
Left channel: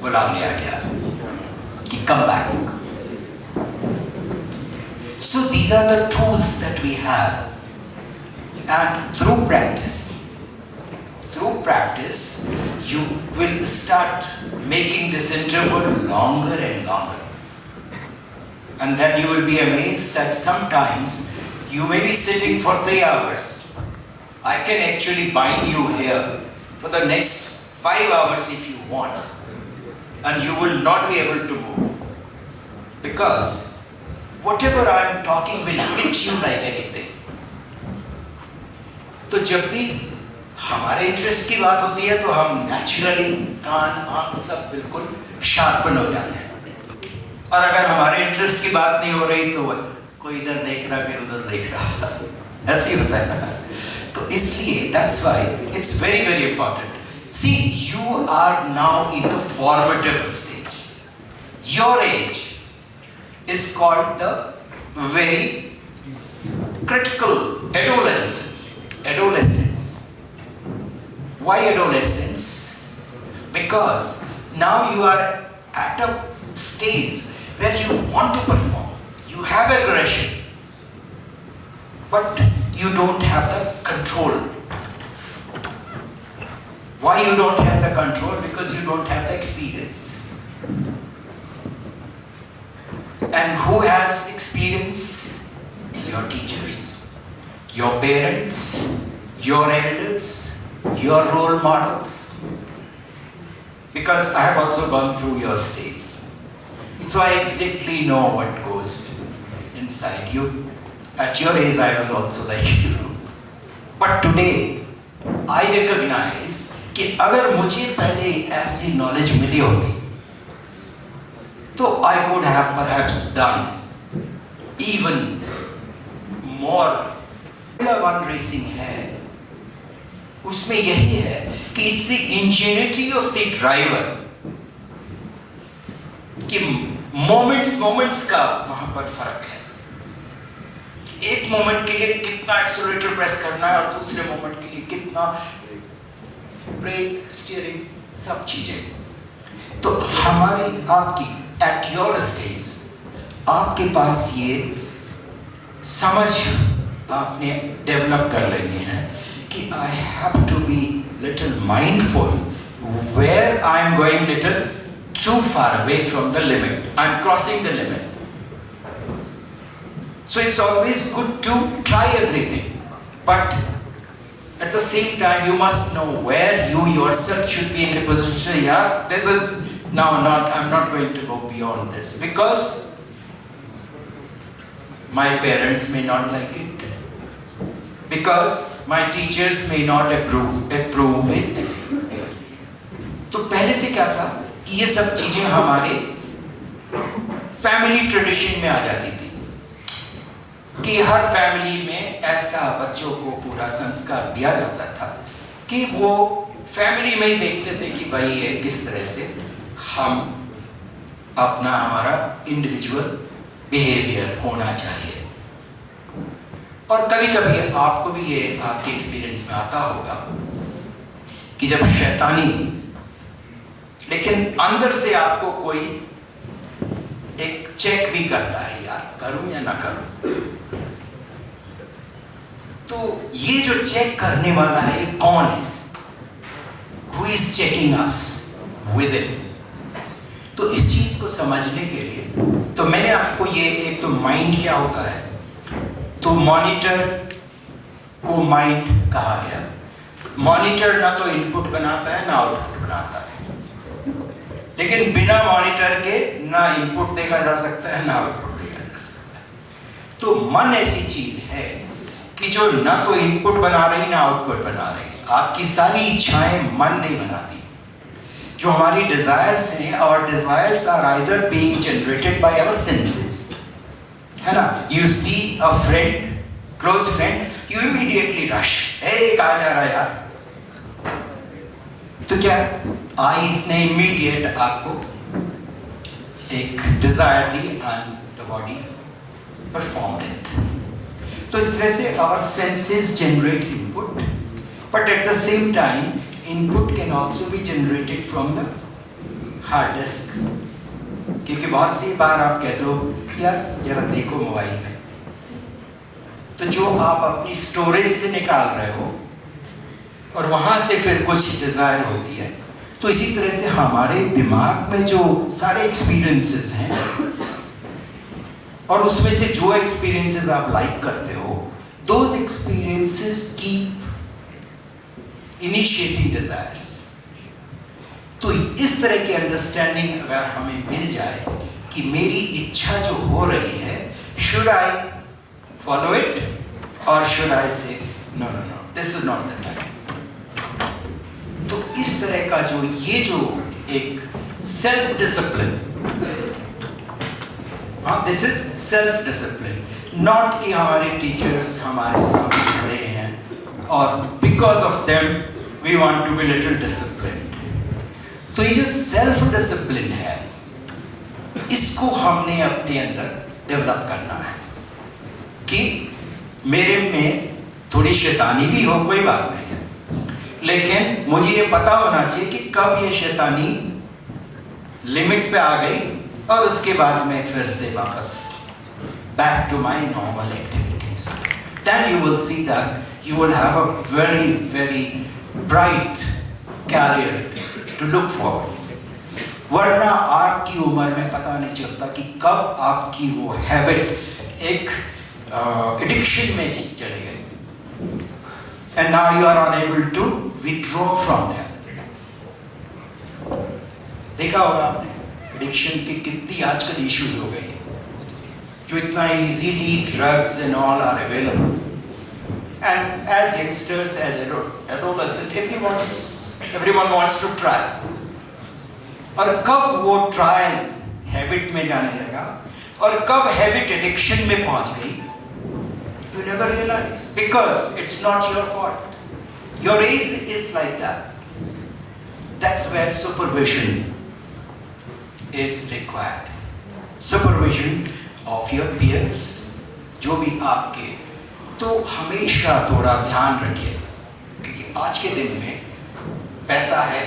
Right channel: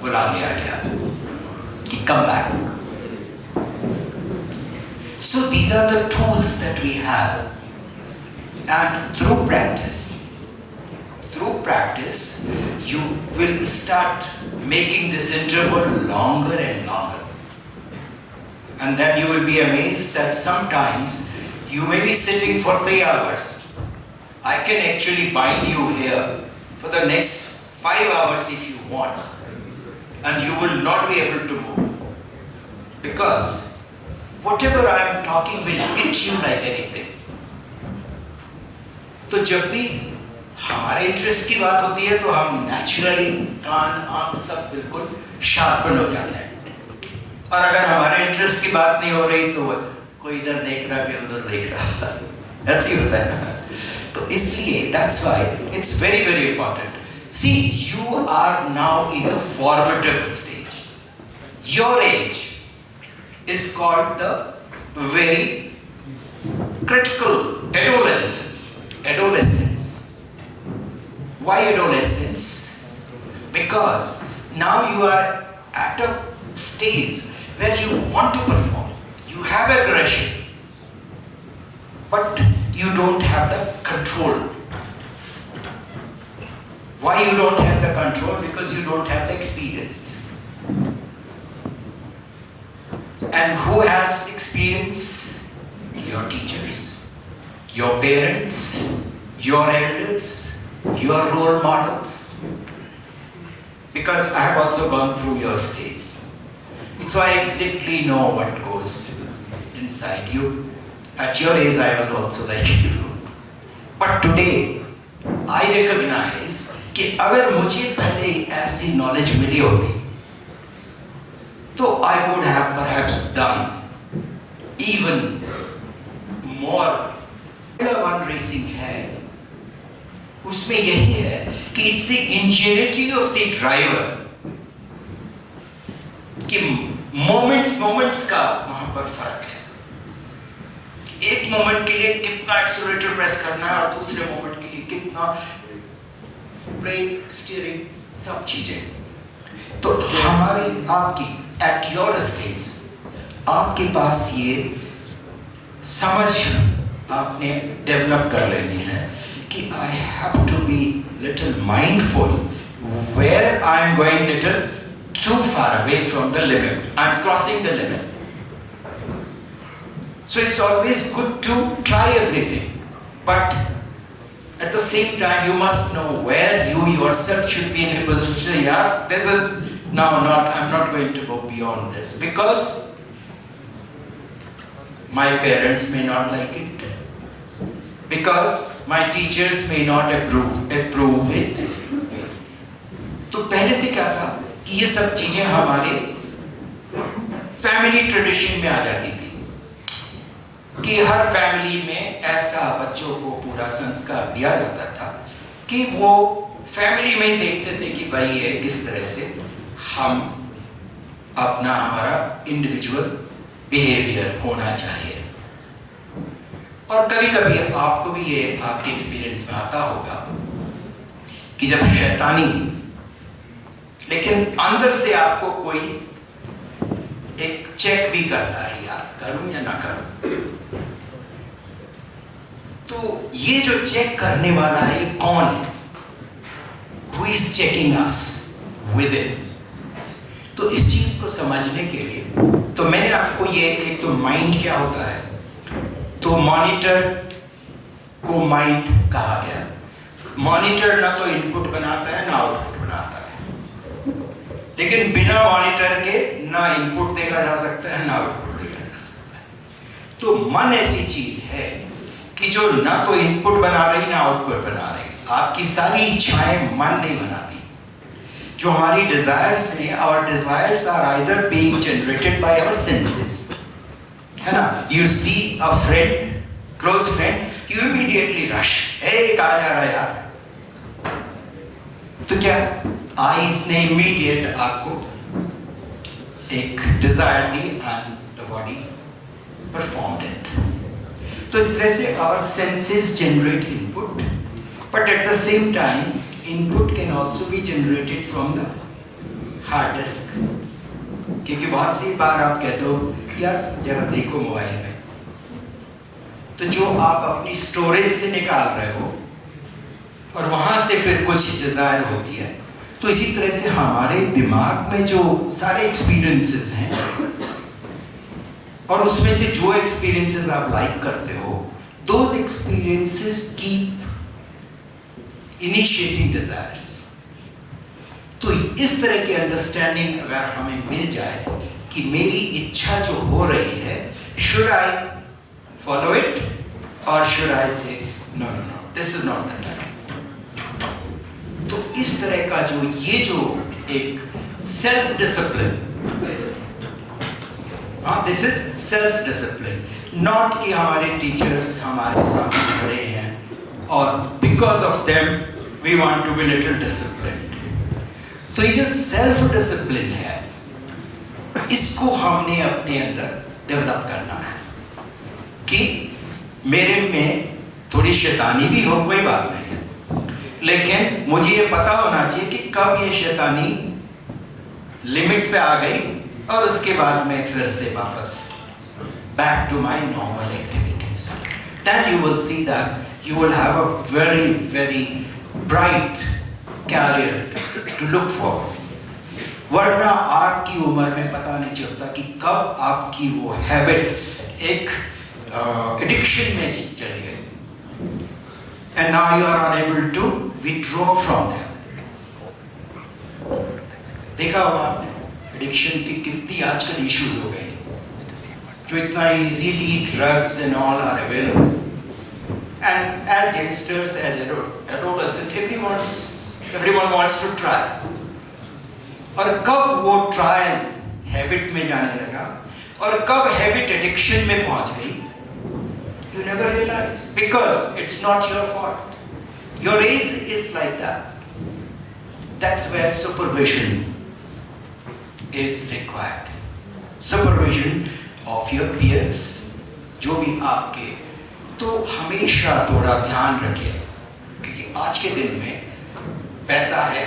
बुला लिया गया कि come back. So these are the tools that we have, and through practice, you will start making this interval longer and longer. And then you will be amazed that sometimes you may be sitting for 3 hours. I can actually bind you here for the next 5 hours if you want. And you will not be able to move. Because whatever I am talking will hit you like anything. तो जब भी हमारे interest की बात होती है तो हम नेचुरली कान आँख सब बिल्कुल शार्पन हो जाते हैं. और अगर हमारे इंटरेस्ट की बात नहीं हो रही तो कोई इधर देख रहा फिर उधर देख रहा, ऐसे ही होता है ना. तो इसलिए that's why it's very very important. See, you are now in the formative stage. Your age is called the very critical adolescence. Why adolescence? Because now you are at a stage where you want to perform. You have aggression, but you don't have the control. Why you don't have the control? Because you don't have the experience. And who has experience? Your teachers, your parents, your elders, your role models. because I have also gone through your stage. So I exactly know what goes inside you. At your age, I was also like you. But today, I recognize कि अगर मुझे पहले ऐसी knowledge मिली होती, तो I could have perhaps done even more. Formula One racing है, उसमें यही है कि it's the ingenuity of the driver कि moments का वहां पर फर्क है. एक मोमेंट के लिए कितना एक्सेलरेटर प्रेस करना है और दूसरे मोमेंट के लिए कितना ब्रेक, स्टीयरिंग, सब चीजें. तो हमारी आपकी एट योर स्टेज आपके पास ये समझ आपने डेवलप कर लेनी है कि I have to be little mindful where I am going little too far away from the limit. I am crossing the limit. So it's always good to try everything, but at the same time you must know where you yourself should be in a position. Yeah, this is now not. I'm not going to go beyond this because my parents may not like it, because my teachers may not approve it. तो पहले से क्या था कि ये सब चीजें हमारे फैमिली ट्रेडिशन में आ जाती थी कि हर फैमिली में ऐसा बच्चों को पूरा संस्कार दिया जाता था कि वो फैमिली में ही देखते थे कि भाई ये किस तरह से हम अपना हमारा इंडिविजुअल बिहेवियर होना चाहिए. और कभी कभी आपको भी ये आपके एक्सपीरियंस में आता होगा कि जब शैतानी, लेकिन अंदर से आपको कोई एक चेक भी करता है, यार करूं या ना करूं. तो ये जो चेक करने वाला है ये कौन है? Who is checking us within? तो इस चीज को समझने के लिए तो मैंने आपको ये एक तो माइंड क्या होता है, तो मॉनिटर को माइंड कहा गया. मॉनिटर ना तो इनपुट बनाता है ना आउटपुट बनाता है, लेकिन बिना मॉनिटर के ना इनपुट देखा जा सकता है ना आउटपुट देखा जा सकता है. तो मन ऐसी चीज है कि जो ना तो इनपुट बना रही ना आउटपुट बना रही. आपकी सारी इच्छाएं मन नहीं बनाती. जो हमारी डिजायर्स हैं, our desires are either being generated by our senses, है ना. You see a friend, close friend, you immediately rush, ए कहाँ जा रहा है यार. तो क्या आईज ने इमीडिएट आपको एक डिजायर दी and the body performed it. तो इस तरह से our senses generate input, but at the same time input can also be generated from the hard disk. क्योंकि बहुत सी बार आप कहते हो यार जरा देखो मोबाइल में, तो जो आप अपनी स्टोरेज से निकाल रहे हो और वहां से फिर कुछ डिजायर होती है. तो इसी तरह से हमारे दिमाग में जो सारे एक्सपीरियंसेस हैं और उसमें से जो एक्सपीरियंसेस आप लाइक करते हो, those experiences keep initiating desires. तो इस तरह की अंडरस्टैंडिंग अगर हमें मिल जाए कि मेरी इच्छा जो हो रही है, should I follow it or should I say no, this is not the time. तो इस तरह का जो ये जो एक self discipline, this is self discipline. Not कि हमारे टीचर्स हमारे सामने खड़े हैं और because of them we want to be little disciplined. तो ये जो सेल्फ डिसिप्लिन है, इसको हमने अपने अंदर डेवलप करना है कि मेरे में थोड़ी शैतानी भी हो, कोई बात नहीं है, लेकिन मुझे ये पता होना चाहिए कि कब ये शैतानी लिमिट पे आ गई और उसके बाद मैं फिर से वापस back to my normal activities. Then you will see that you will have a very, very bright career to look forward. वरना आपकी उम्र में पता नहीं चलता कि कब आपकी वो हैबिट एक एडिक्शन में चली गई, and now you are unable to withdraw from that. देखा होगा आपने एडिक्शन की कितनी आजकल इश्यूज हो गए हैं, जो इतना easily drugs and all are available, and as youngsters as adolescent everyone wants to try. और कब वो ट्रायल हैबिट में जाने लगा और कब हैबिट एडिक्शन में पहुंच गई, you never realize, because it's not your fault. Your age is like that. That's where supervision is required. Supervision of your peers, जो भी आपके, तो हमेशा थोड़ा ध्यान रखिए, क्योंकि आज के दिन में पैसा है,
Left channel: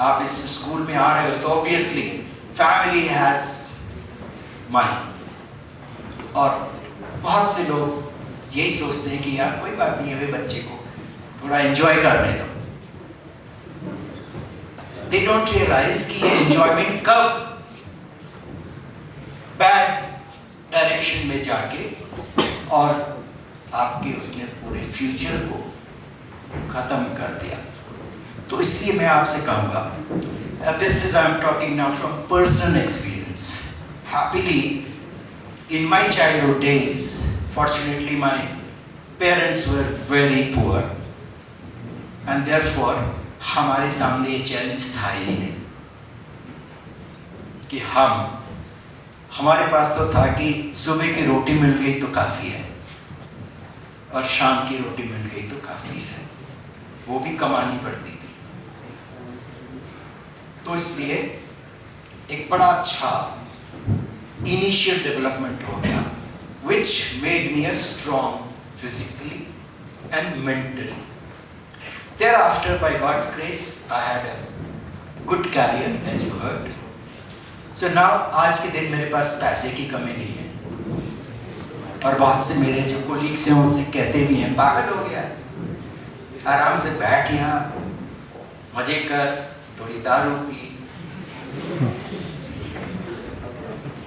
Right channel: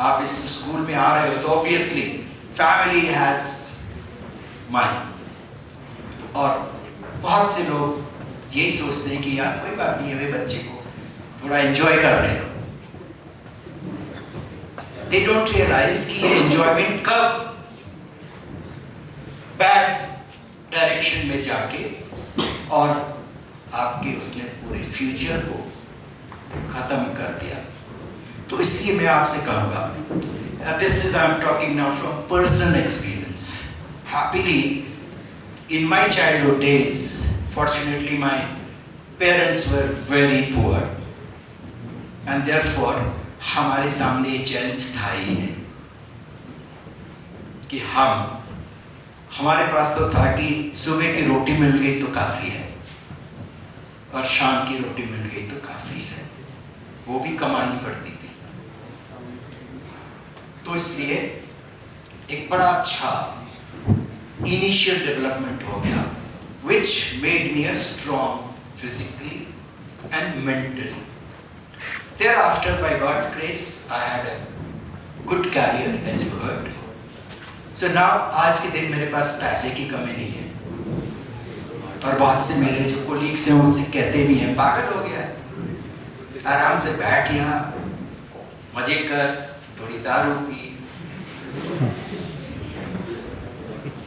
आप इस स्कूल में आ रहे हो तो ऑब्वियसली फैमिली हैज मनी, और बहुत से लोग यही सोचते हैं कि यार कोई बात नहीं है, वे बच्चे को थोड़ा एंजॉय करने दो। दे डोंट रियलाइज कि ये एंजॉयमेंट कब बैड डायरेक्शन में जाके और आपके उसने पूरे फ्यूचर को खत्म कर दिया। तो इसलिए मैं आपसे कहूँगा, this is I am talking now from personal experience. Happily in my childhood days, fortunately my parents were very poor, and therefore हमारे सामने ये चैलेंज था ही नहीं कि हमारे पास तो था कि सुबह की रोटी मिल गई तो काफ़ी है और शाम की रोटी मिल गई तो काफ़ी है, वो भी कमानी पड़ती थी। तो इसलिए एक बड़ा अच्छा initial development हो गया, which made me a strong physically and mentally. Thereafter, by God's grace, I had a good career, as you heard. So now, आज के दिन मेरे पास पैसे की कमी नहीं है, और बहुत से मेरे जो कोलीग्स हैं उनसे कहते भी हैं, पागल हो गया है, आराम से बैठ यहाँ, मजे कर, थोड़ी दारू पी।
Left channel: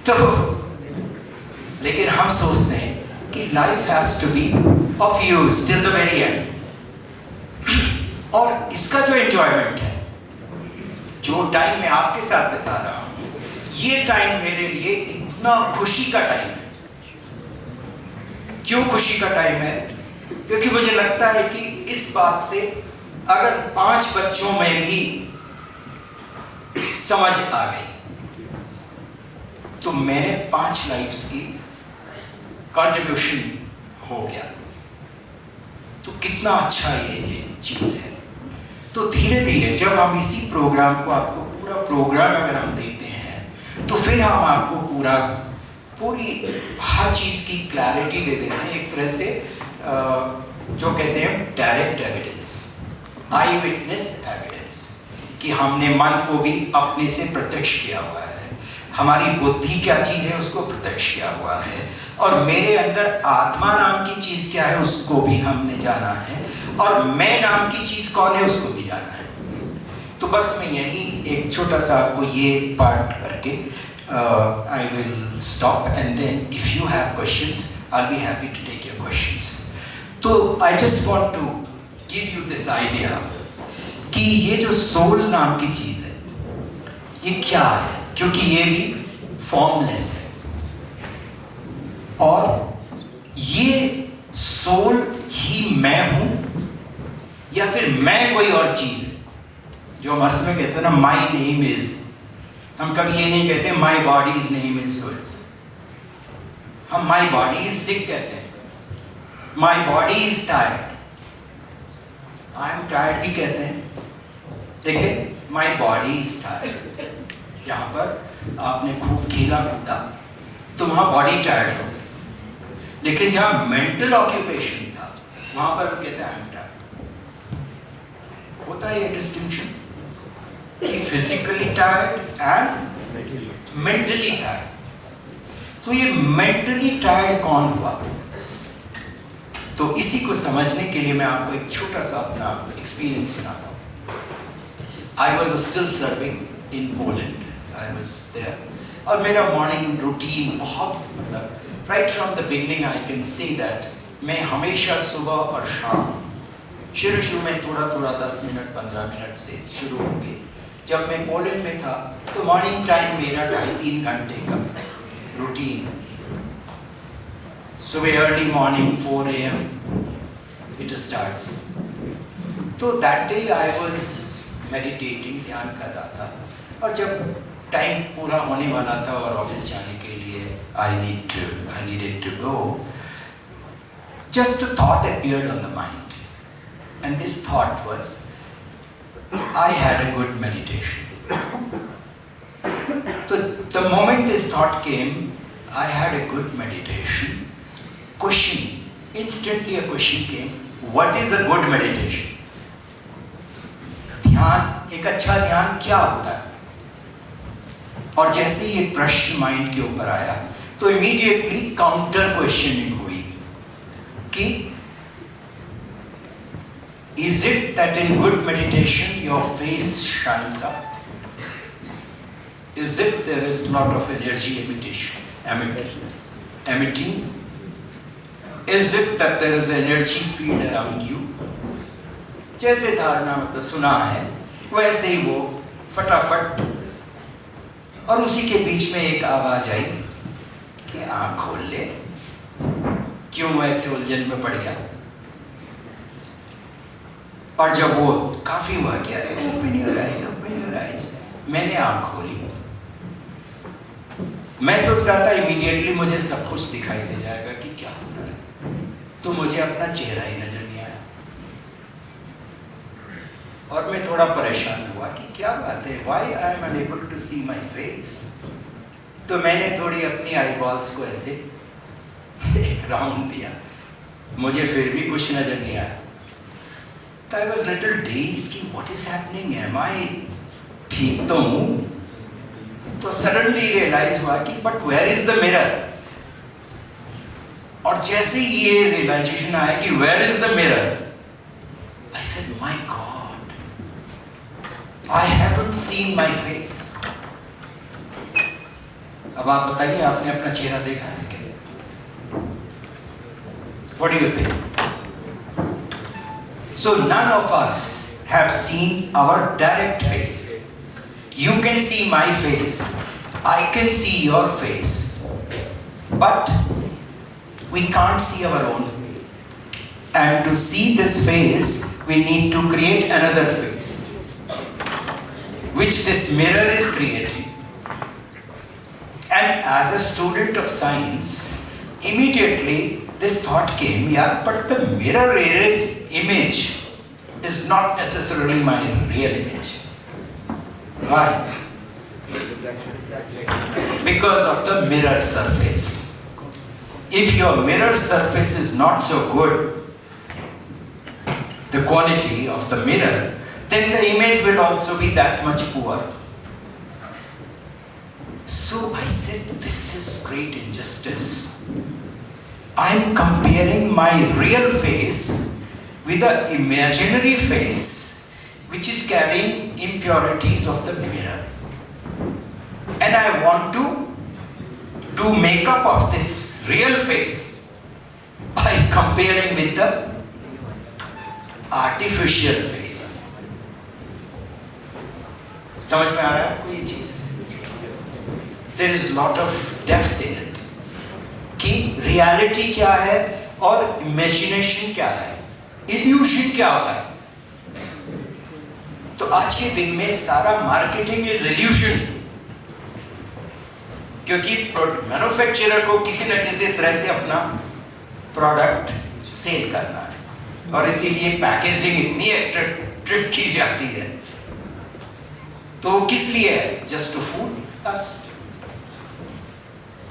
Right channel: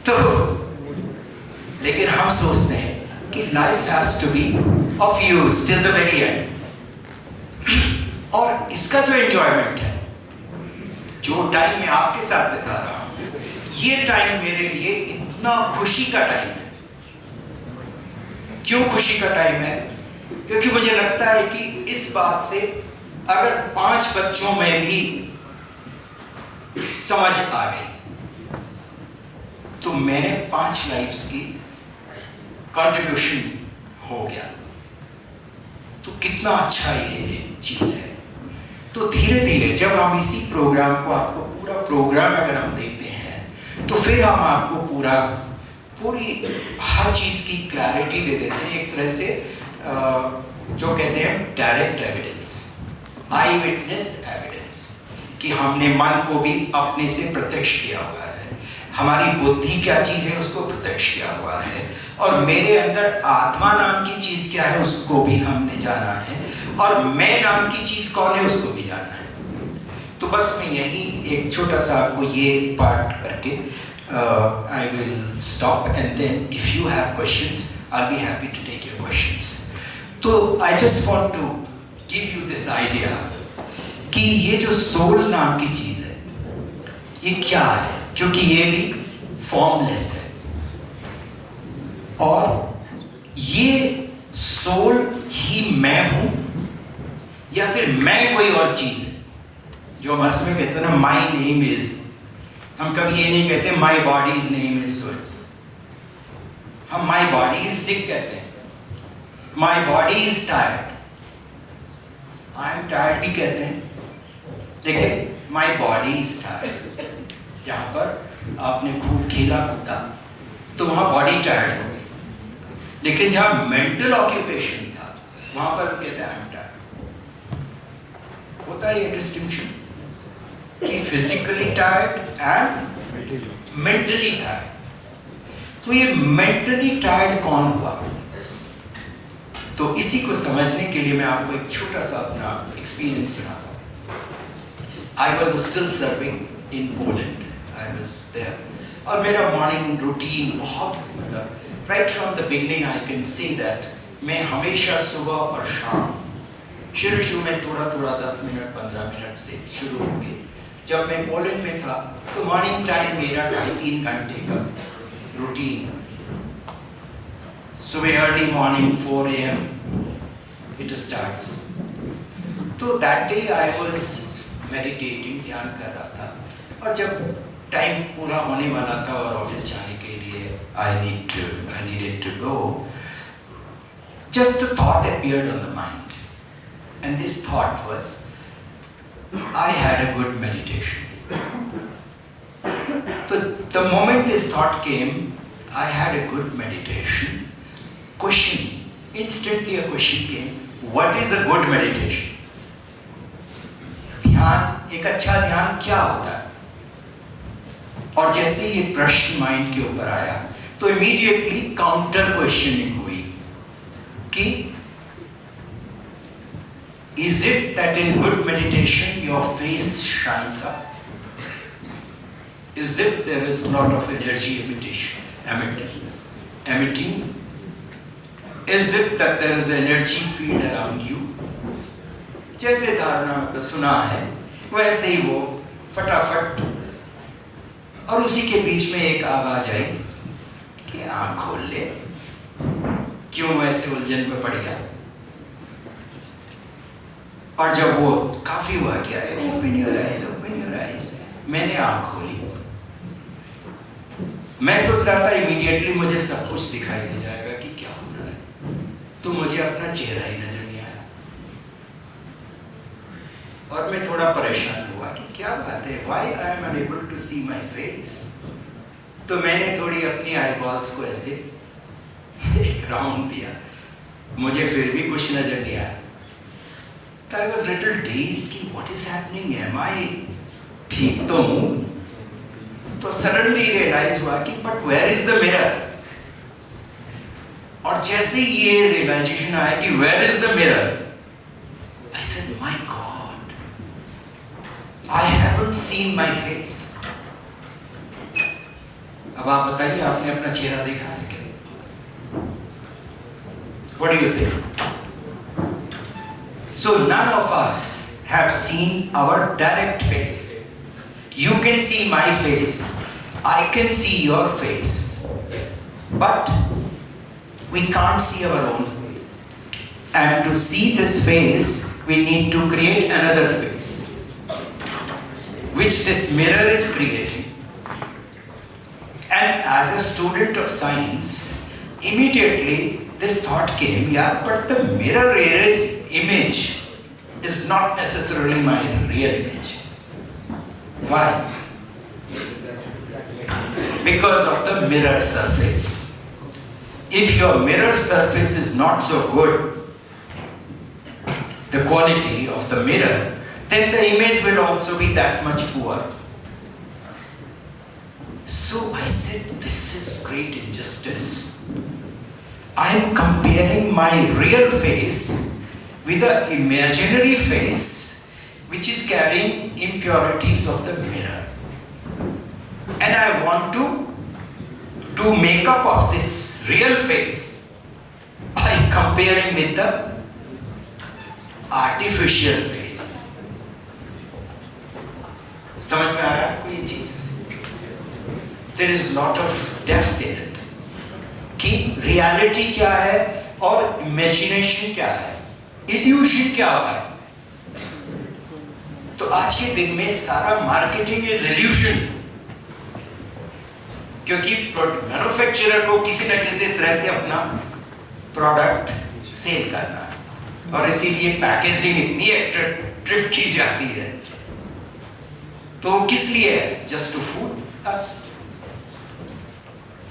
तो लेकिन हम सोचते हैं कि life has to be of use till the very end, और इसका जो एंजॉयमेंट है, जो टाइम मैं आपके साथ बिता रहा हूं, ये टाइम मेरे लिए इतना खुशी का टाइम है। क्यों खुशी का टाइम है? क्योंकि मुझे लगता है कि इस बात से अगर 5 बच्चों में भी समझ आ गई तो मैंने 5 लाइफ्स की कंट्रीब्यूशन हो गया। तो कितना अच्छा ये चीज है। तो धीरे धीरे जब हम इसी प्रोग्राम को, आपको पूरा प्रोग्राम अगर हम देते हैं, तो फिर हम आपको पूरी हर चीज की क्लैरिटी दे देते हैं। एक तरह से जो कहते हैं डायरेक्ट एविडेंस, आई विटनेस एविडेंस, कि हमने मन को भी अपने से प्रत्यक्ष किया हुआ है, हमारी बुद्धि क्या चीज है उसको प्रत्यक्ष किया हुआ है, और मेरे अंदर आत्मा नाम की चीज क्या है उसको भी हमने जाना है, और मैं नाम की चीज कौन है उसको भी जाना है। तो बस मैं यही एक छोटा सा आपको ये पार्ट करके I will stop, and then if you have questions I will be happy to take your questions. तो I just want to give you this idea कि ये जो सोल नाम की चीज है ये क्या है, क्योंकि ये भी फॉर्मलेस है, और ये सोल ही मैं हूं या फिर मैं कोई और चीज है। जो हम अर्थ में कहते हैं ना, माई नेम इज, हम कभी ये नहीं कहते माई बॉडीज नेम इज सो, हम माई बॉडी इज सिक कहते हैं, my body is tired, I am tired भी कहते हैं। देखिए, माई बॉडी इज टायर्ड, जहां पर आपने खूब खेला कूदा तो वहां बॉडी टायर्ड हो, लेकिन जहां मेंटल ऑक्यूपेशन था वहां पर कहते हैं टायर्ड। होता है ये डिस्टिंक्शन कि physically tired and mentally tired. तो ये मेंटली टायर्ड कौन हुआ? तो इसी को समझने के लिए मैं आपको एक छोटा सा अपना एक्सपीरियंस सुनाता हूँ। I was still serving in Poland, I was there, और मेरा मॉर्निंग रूटीन बहुत, मतलब right from the beginning I can say that मैं हमेशा सुबह और शाम, शुरू में थोड़ा 10 मिनट 15 मिनट से शुरू होंगे, जब मैं पोलैंड में था तो मॉर्निंग टाइम मेरा 2.5-3 घंटे का रूटीन, सुबह early morning 4 AM it starts. तो that day I was meditating, ध्यान कर रहा था, और जब टाइम पूरा होने वाला था और ऑफिस जाने के लिए I needed to go, just a thought appeared on the mind, and this thought was, I had a good meditation. So the moment this thought came, I had a good meditation. Question, instantly a question came, what is a good meditation? ध्यान, एक अच्छा ध्यान क्या होता है? और जैसे ये प्रश्न माइंड के ऊपर आया तो इमीडिएटली काउंटर क्वेश्चनिंग हुई कि is it that in good meditation your face shines up? Is it there is a lot of energy emitting? Is it that there is energy field around you? जैसे धारणा मतलब सुना है वैसे ही वो फटाफट, और उसी के बीच में एक आवाज आई कि आँख खोल ले, क्यों ऐसे उलझन में पड़ गया? और जब वो काफी हुआ क्या है, open your eyes, मैंने आँख खोली, मैं सोच रहा था इमीडिएटली मुझे सब कुछ दिखाई दे जाएगा कि क्या हो रहा है, तो मुझे अपना चेहरा ही नजर नहीं आया और मैं थोड़ा परेशान हुआ कि क्या बात है, why I am unable to see my face? तो मैंने थोड़ी अपनी आईबॉल्स को ऐसे एक राउंड दिया, मुझे फिर भी कुछ नजर नहीं आया। तो I was little dazed कि what is happening? Am I ठीक तो हूँ? तो सडनली रियलाइज हुआ कि but where is the mirror? और जैसे ये रियलाइजेशन आया कि where is the mirror, I said my god, I haven't seen my face. अब आप बताइए, आपने अपना चेहरा देखा है क्या? What do you think? So none of us have seen our direct face. You can see my face, I can see your face, but we can't see our own face. And to see this face, we need to create another face, which this mirror is creating. And as a student of science, immediately this thought came, yeah, but the mirror image is not necessarily my real image. Why? Because of the mirror surface. If your mirror surface is not so good, the quality of the mirror, then the image will also be that much poor. So I said, this is great injustice. I am comparing my real face with the imaginary face which is carrying impurities of the mirror. And I want to do makeup of this real face by comparing with the artificial face. समझ में आ रहा है आपको ये चीज? There is lot of depth in it. कि reality क्या है और imagination क्या है, illusion क्या होता है. तो आज के दिन में सारा मार्केटिंग इज इल्यूजन, क्योंकि मैन्युफैक्चरर को किसी न किसी तरह से अपना प्रोडक्ट सेल करना है और इसीलिए पैकेजिंग इतनी अट्रैक्टिव की जाती है। तो किस लिए है? जस्ट टू फूड अस।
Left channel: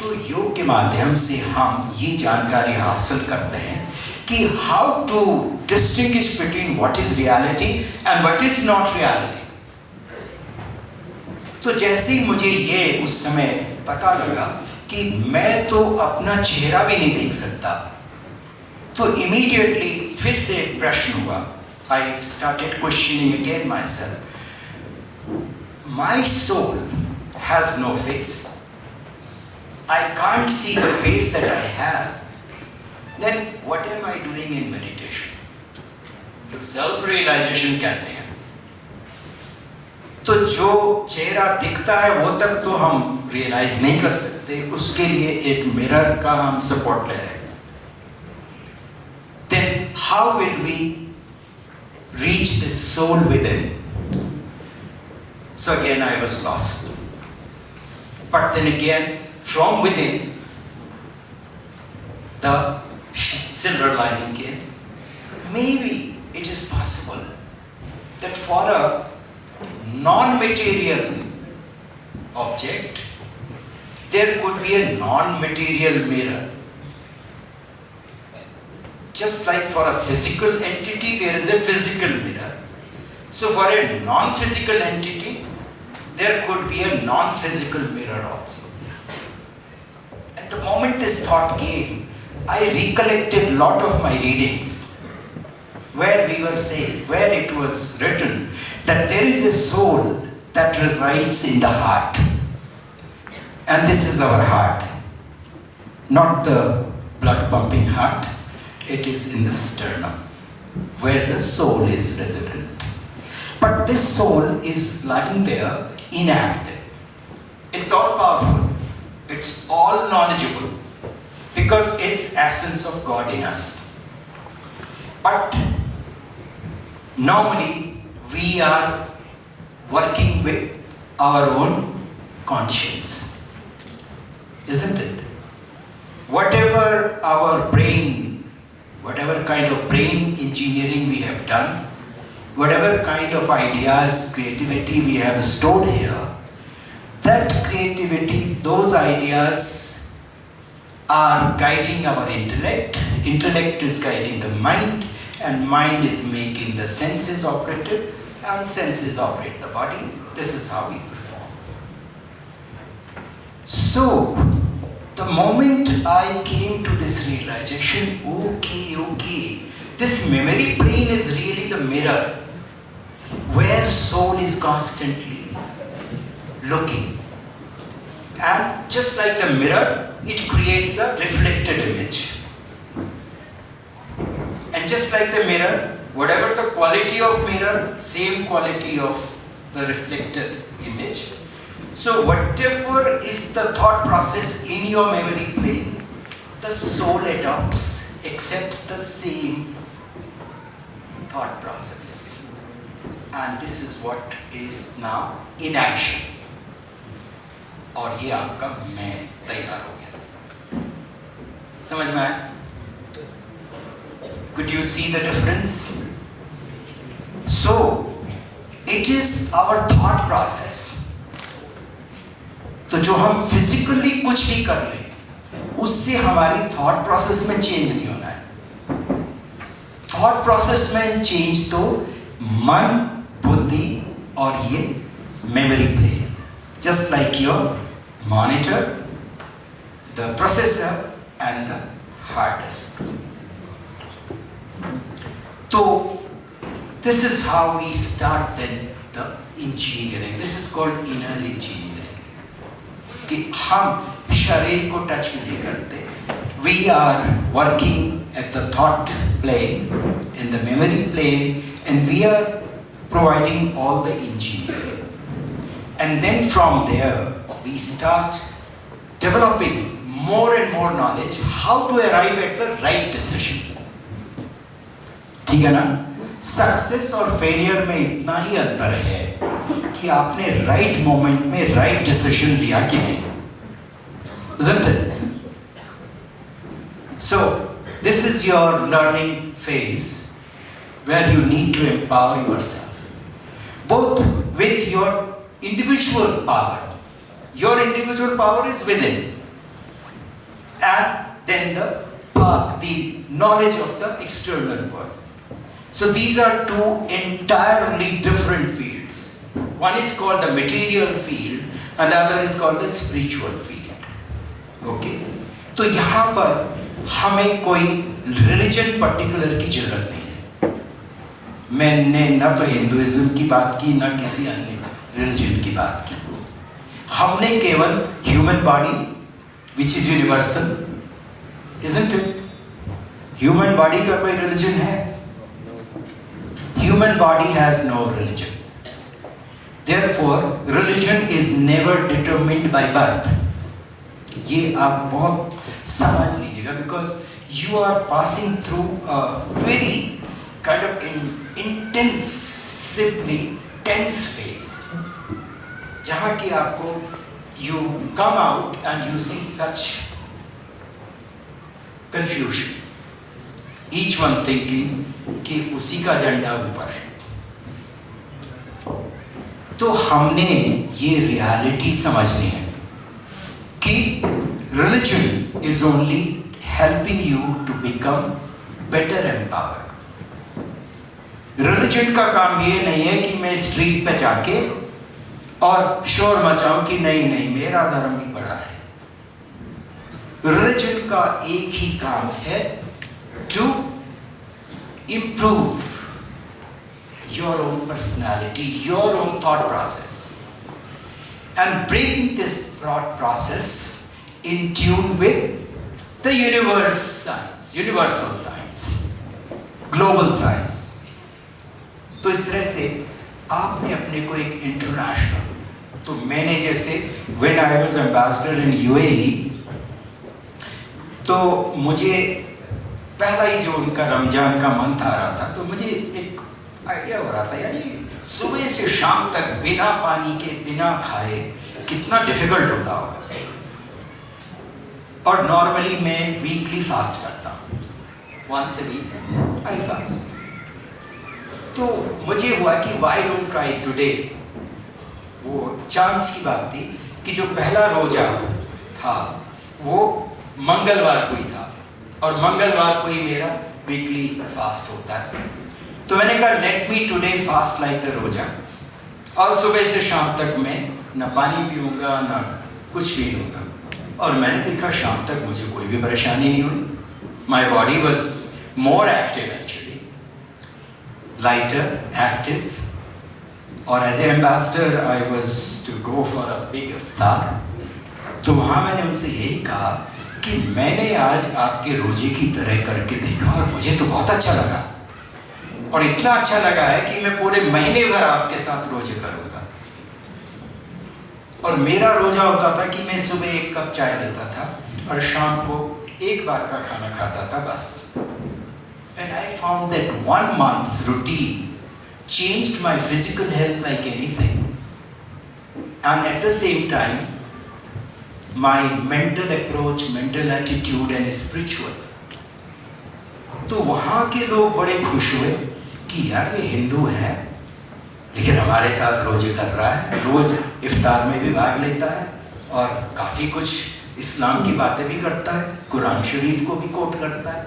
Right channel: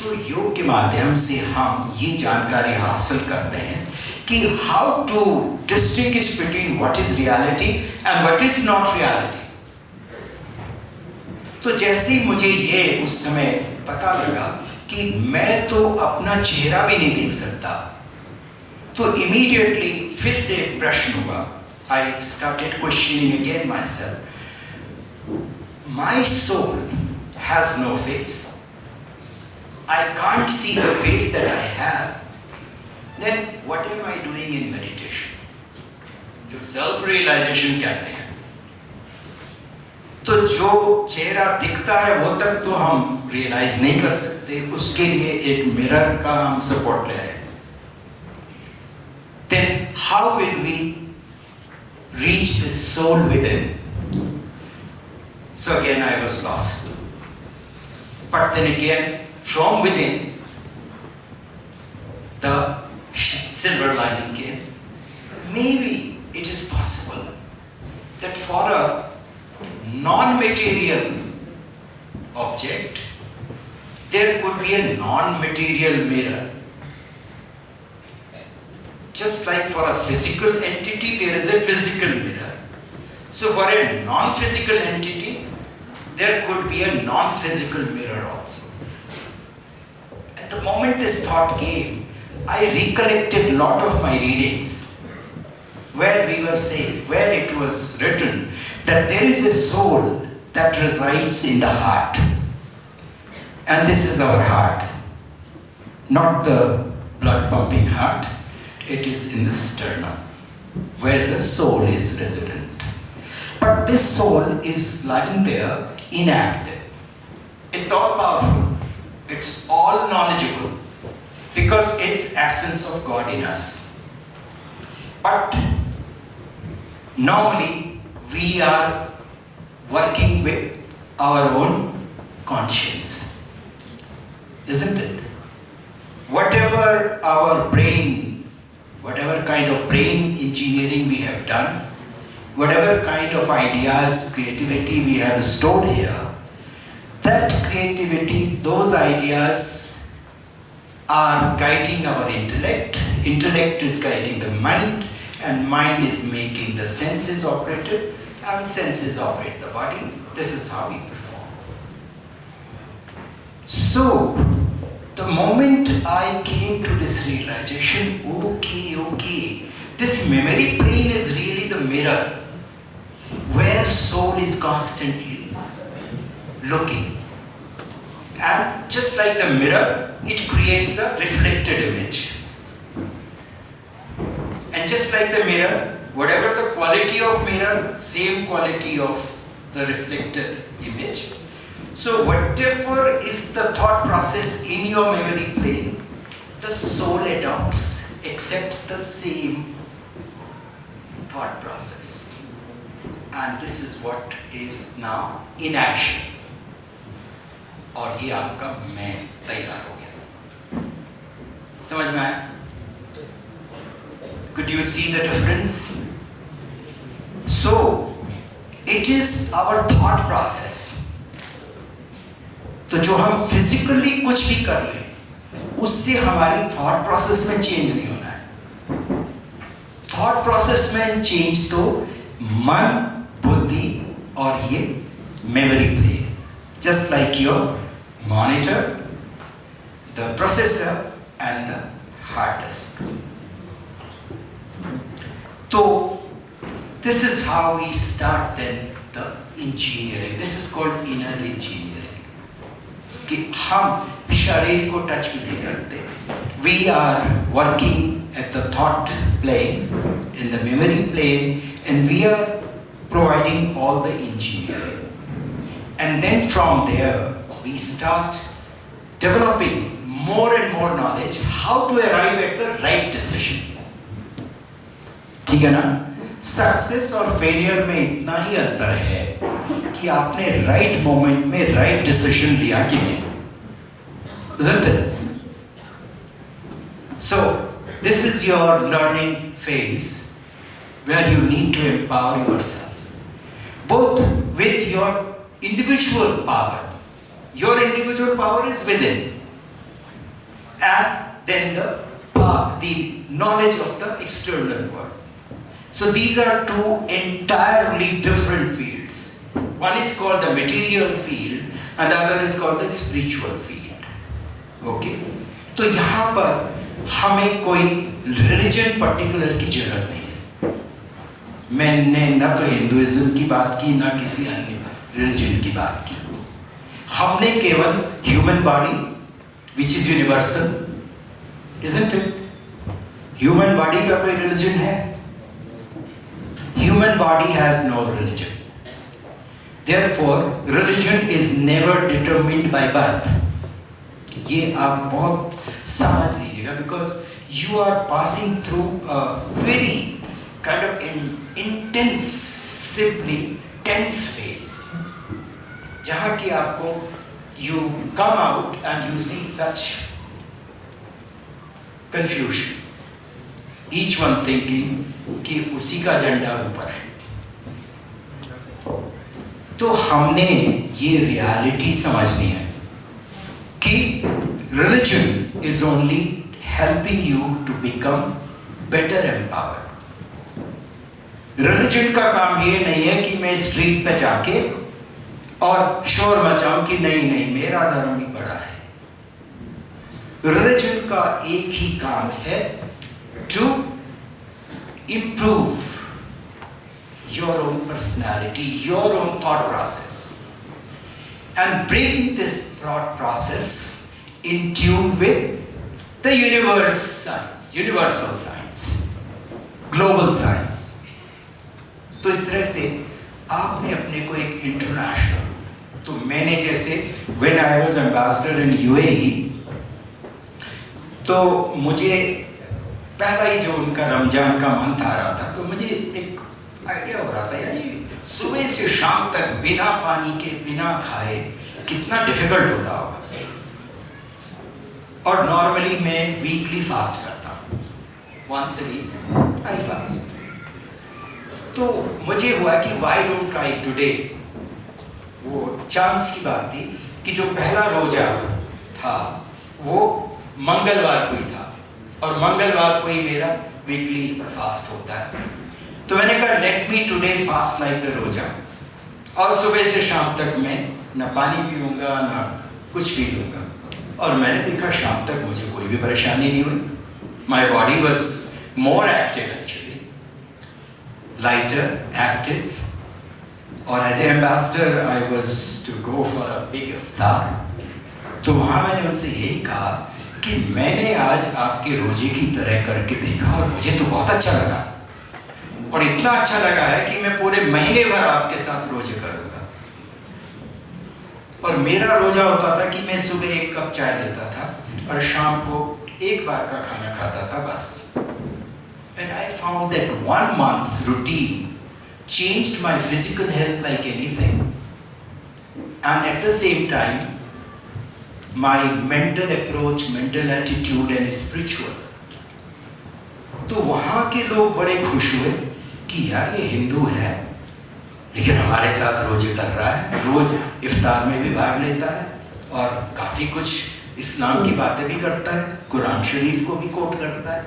तो योग के माध्यम से हम ये जानकारी हासिल करते हैं कि how to distinguish between what is reality and what is not reality. तो जैसे ही मुझे ये उस समय पता लगा कि मैं तो अपना चेहरा भी नहीं देख सकता, तो इमीडिएटली फिर से प्रश्न हुआ। I started questioning again myself, my soul has no face, I can't see the face that I have, then what am I doing in meditation? जो self realization कहते हैं। तो जो चेहरा दिखता है वो तक तो हम रियलाइज नहीं कर सकते, उसके लिए एक मिरर का हम सपोर्ट ले रहे हैं. Then how will we reach the soul within? So again I was lost. But then again, from within, the silver lining came. Maybe it is possible that for a non-material object, there could be a non-material mirror. Just like for a physical entity, there is a physical mirror. So for a non-physical entity, there could be a non-physical mirror also. At the moment this thought came, I recollected a lot of my readings where we were saying, where it was written that there is a soul that resides in the heart. And this is our heart. Not the blood pumping heart. It is in the sternum, where the soul is resident. But this soul is lying there inactive. It's all powerful. It's all knowledgeable. Because it's essence of God in us. But normally we are working with our own conscience, isn't it? Whatever our brain, whatever kind of brain engineering we have done, whatever kind of ideas, creativity we have stored here, that creativity, those ideas are guiding our intellect. Intellect is guiding the mind, and mind is making the senses operated, and senses operate the body. This is how we perform. So, the moment I came to this realization, okay, this memory plane is really the mirror where soul is constantly looking. And just like the mirror, it creates a reflected image. And just like the mirror, whatever the quality of mirror, same quality of the reflected image. So whatever is the thought process in your memory plane, the soul adopts, accepts the same thought process. And this is what is now in action. और ये आपका मैं तैयार हो गया. समझ में आया? Could you see the difference? So, it is our thought process. तो जो हम फिजिकली कुछ भी कर लें, उससे हमारी थॉट प्रोसेस में चेंज नहीं होना है. थॉट प्रोसेस में चेंज तो मन, बुद्धि और ये memory plane, just like your monitor, the processor and the hard disk. So this is how we start then the engineering. This is called inner engineering. कि हम शरीर को टच भी नहीं करते. We are working at the thought plane, in the memory plane, and we are providing all the engineering. And then from there, we start developing more and more knowledge how to arrive at the right decision. ठीक है ना? Success और failure में इतना ही अंतर है कि आपने राइट मोमेंट में राइट डिसीजन लिया कि नहीं. Isn't it? So, this is your learning phase where you need to empower yourself, both with your individual power. Your individual power is within, and then the knowledge of the external world. So these are two entirely different fields. One is called the material field, and the other is called the spiritual field. Okay? तो यहाँ पर हमें कोई religion particular की जरूरत नहीं है. मैंने ना तो हिंदुइज्म की बात की, ना किसी अन्य रिलीजन की बात की. हमने केवल human body, which is universal, isn't it? Human body का कोई रिलीजन है? Human body has no religion. Therefore, religion is never determined by birth. ये आप बहुत समझ लीजिएगा, because you are passing through a very kind of intensively tense phase, जहाँ कि आपको you come out and you see such confusion, each one thinking कि उसी का झंडा ऊपर है। तो हमने ये रियलिटी समझनी है कि religion is only helping you to become better empowered. Religion का काम ये नहीं है कि मैं स्ट्रीट पे जाके और शोर मचाऊं कि नहीं नहीं मेरा धर्म ही बड़ा है। Religion का एक ही काम है to improve your own personality, your own thought process, and bring this thought process in tune with the universal science, global science. तो इस तरह से आपने अपने को एक इंटरनेशनल, तो मैंने जैसे when I was ambassador in UAE, तो मुझे पहला ही जो उनका रमजान का मंथ आ रहा था, तो मुझे एक आइडिया हो रहा था यानी सुबह से शाम तक बिना पानी के बिना खाए कितना डिफिकल्ट होता होगा। और नॉर्मली मैं वीकली फास्ट करता हूँ, once a week I fast. तो मुझे हुआ कि why don't I today, वो चांस की बात थी कि जो पहला रोजा था वो मंगलवार को ही था और मंगलवार को ही मेरा वीकली फास्ट होता है। तो मैंने कहा let me today fast like the रोजा, और सुबह से शाम तक मैं ना पानी पीऊंगा ना कुछ भी लूँगा, और मैंने देखा शाम तक मुझे कोई भी परेशानी नहीं हुई। My body was more active actually, lighter active, और as a ambassador I was to go for a big इफ्तार। तो वहाँ मैंने उनसे यही कहा कि मैंने आज आपके रोजे की तरह करके देखा और मुझे तो बहुत अच्छा लगा, और इतना अच्छा लगा है कि मैं पूरे महीने भर आपके साथ रोजे करूंगा। और मेरा रोजा होता था कि मैं सुबह 1 कप चाय लेता था और शाम को 1 बार का खाना खाता था बस। And I found that 1 month's routine changed my physical health like anything, and at the same time my mental approach, mental attitude and spiritual। तो वहाँ के लोग बड़े खुश हुए कि यार ये हिंदू है लेकिन हमारे साथ रोजे कर रहा है, रोज इफ्तार में भी भाग लेता है और काफ़ी कुछ इस्लाम की बातें भी करता है, कुरान शरीफ को भी कोट करता है।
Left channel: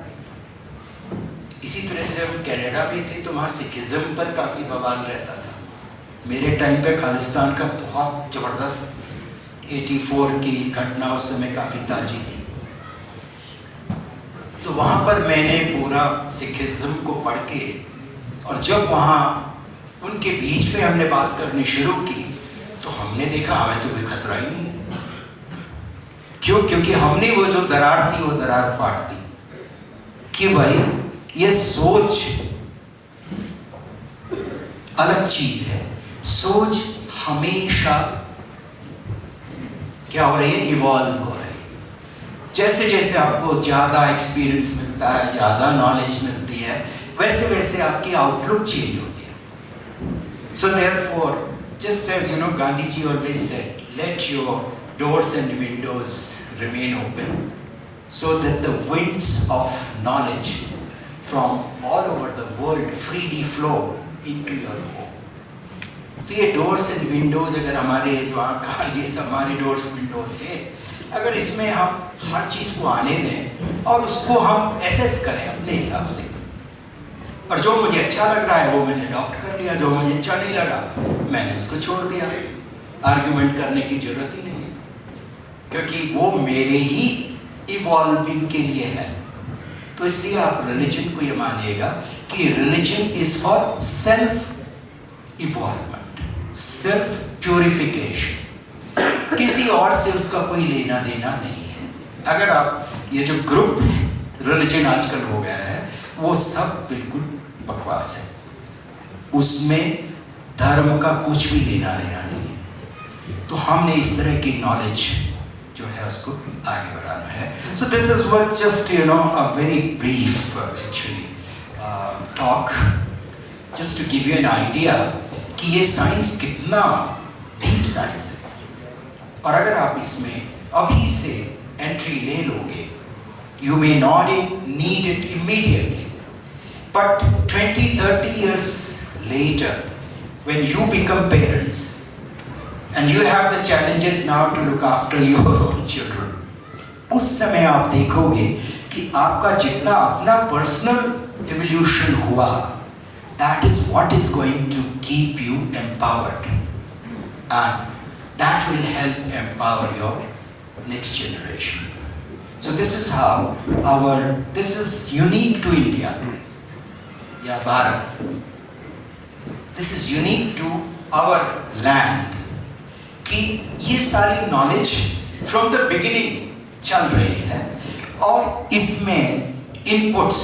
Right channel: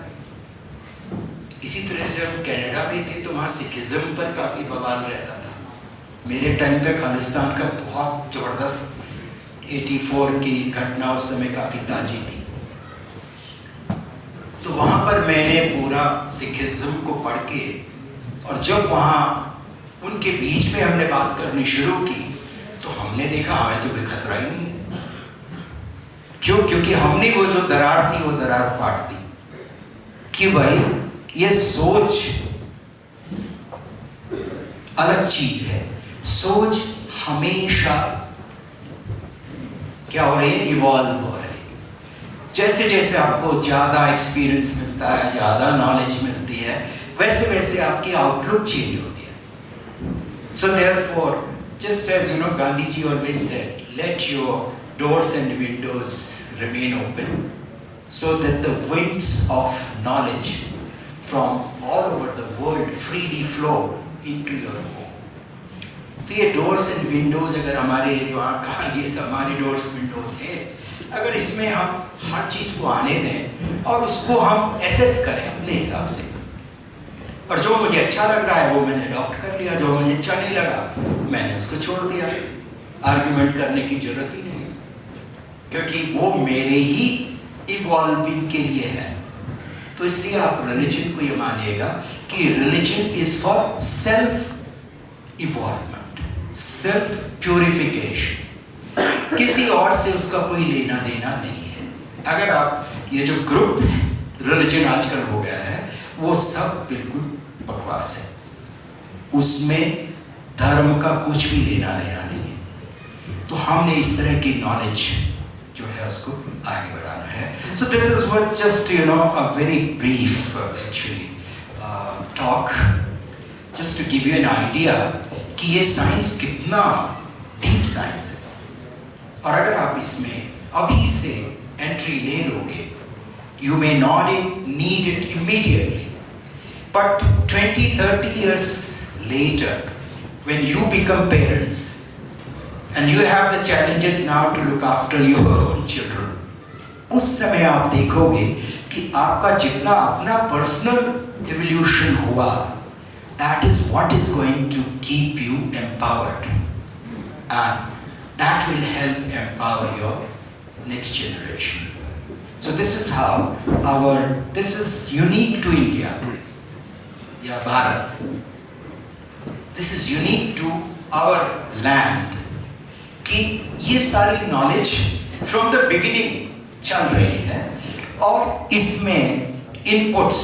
इसी तरह से जब कनाडा में थे तो वहाँ सिखिज़्म पर काफ़ी बवाल रहता था। मेरे टाइम पे खालिस्तान का बहुत ज़बरदस्त 84 की घटना उस समय काफ़ी ताज़ी थी। तो वहाँ पर मैंने पूरा सिखिज़्म को पढ़ के, और जब वहाँ उनके बीच में हमने बात करनी शुरू की तो हमने देखा हमें तो कोई खतरा ही नहीं। क्यों? क्योंकि हमने वो जो दरार थी वो दरार पाट दी कि भाई ये सोच अलग चीज है। सोच हमेशा क्या हो रही है? इवॉल्व हो रही है। जैसे जैसे आपको ज़्यादा एक्सपीरियंस मिलता है, ज़्यादा नॉलेज मिलती है, वैसे वैसे आपकी आउटलुक चेंज होती है। So therefore, just as you know, Gandhi ji always said, let your doors and windows remain open so that the winds of knowledge from all over the world freely flow into your home। तो ये doors and windows, अगर हमारे जो आँखा, ये सब हमारी doors windows हैं, अगर इसमें हम हर चीज़ को आने दें और उसको हम एसेस करें अपने हिसाब से, और जो मुझे अच्छा लग रहा है वो मैंने अडॉप्ट कर लिया, जो मुझे अच्छा नहीं लगा मैंने उसको छोड़ दिया। आर्ग्यूमेंट करने की जरूरत ही नहीं, क्योंकि वो मेरे ही इवॉल्विंग के लिए है। तो इसलिए आप रिलीजन को ये मानिएगा कि religion is for self involvement, self purification, किसी और से उसका कोई लेना देना नहीं है। अगर आप ये जो ग्रुप रिलीजन आजकल हो गया है वो सब बिल्कुल बकवास है। उसमें धर्म का कुछ भी लेना देना नहीं है। तो हमने इस तरह की नॉलेज जो है उसको आगे बढ़ाना है। So this is what just a very brief actually talk just to give you an idea कि ये साइंस कितना डीप साइंस है, और अगर आप इसमें अभी से एंट्री ले लोगे, you may not need it immediately, but 20-30 years later when you become parents and you have the challenges now to look after your own children, उस समय आप देखोगे कि आपका जितना अपना पर्सनल एवोल्यूशन हुआ, that is what is going to keep you empowered, and that will help empower your next generation. So this is how this is unique to India, yeah, Bharat. This is unique to our land कि ये सारी knowledge from the beginning चल रही है, और इसमें inputs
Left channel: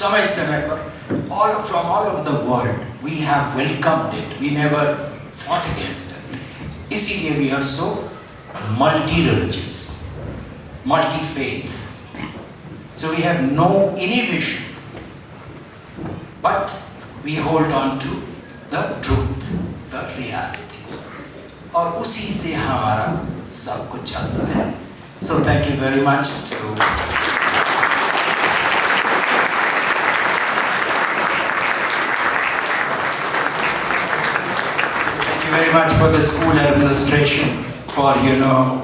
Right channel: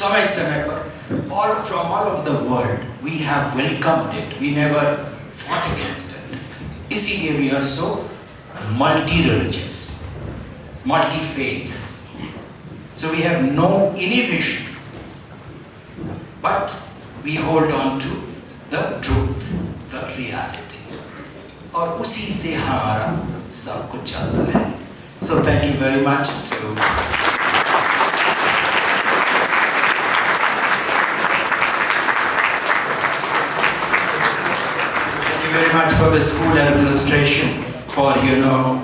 समय समय पर all from all over the world we have welcomed it, we never fought against it. इसीलिए we are so multi-religious, multi-faith, so we have no inhibition, but we hold on to the truth, the reality, और उसी से हमारा सब कुछ चलता है. So thank you very much to very much for the school administration for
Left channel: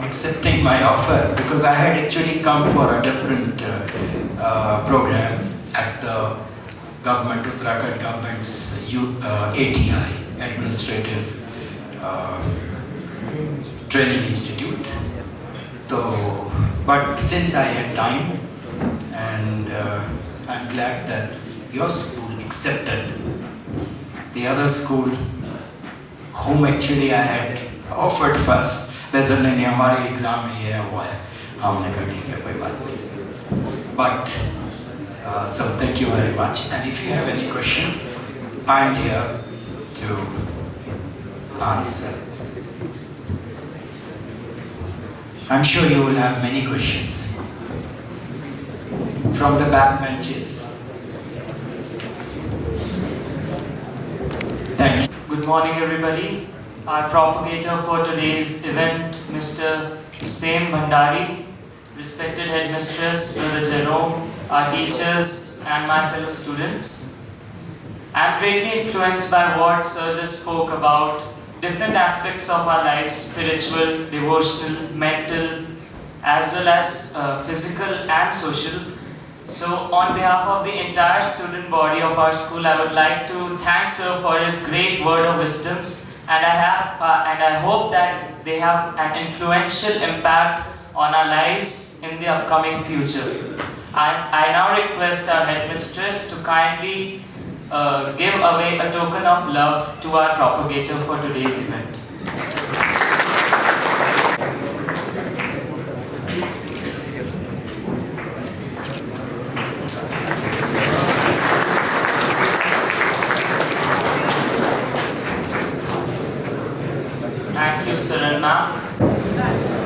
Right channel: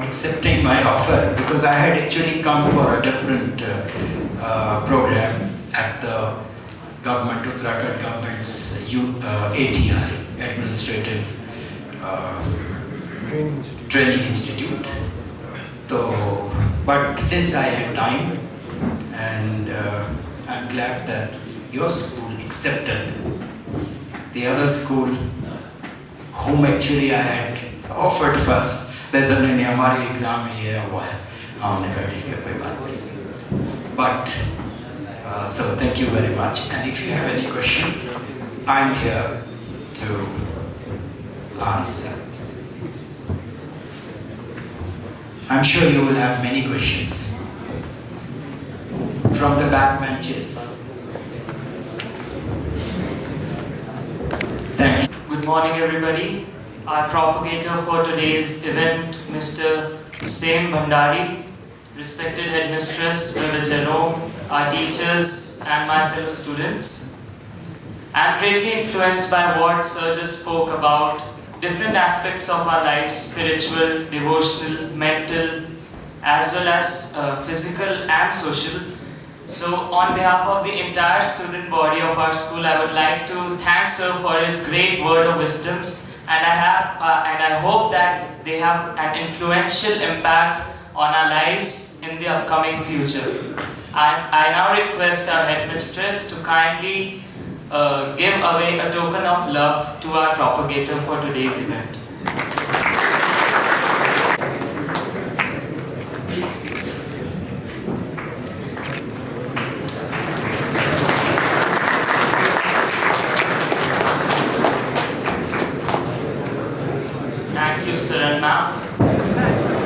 accepting my offer, because I had actually come for a different program at the government, Uttarakhand government's ATI, Administrative Training Institute. So, but since I had time, and I'm glad that your school accepted the other school whom actually I had offered first. There's नहीं हमारी exam में ये हुआ है, हमने कहा ठीक है कोई बात नहीं. But so thank you very much, and if you have any question, I'm here to answer. I'm sure you will have many questions from the back benches. Thank you. Good morning, everybody. Our propagator for today's event, Mr. Bhandari, respected headmistress, Brother Jerome, our teachers, and my fellow students. I am greatly influenced by what Sir just spoke about, different aspects of our lives, spiritual, devotional, mental, as well as physical and social. So on behalf of the entire student body of our school, I would like to thank Sir for his great word of wisdoms, and I hope that they have an influential impact on our lives in the upcoming future. I now request our headmistress to kindly give away a token of love to our propagator for today's event. Thank you, sir and ma'am.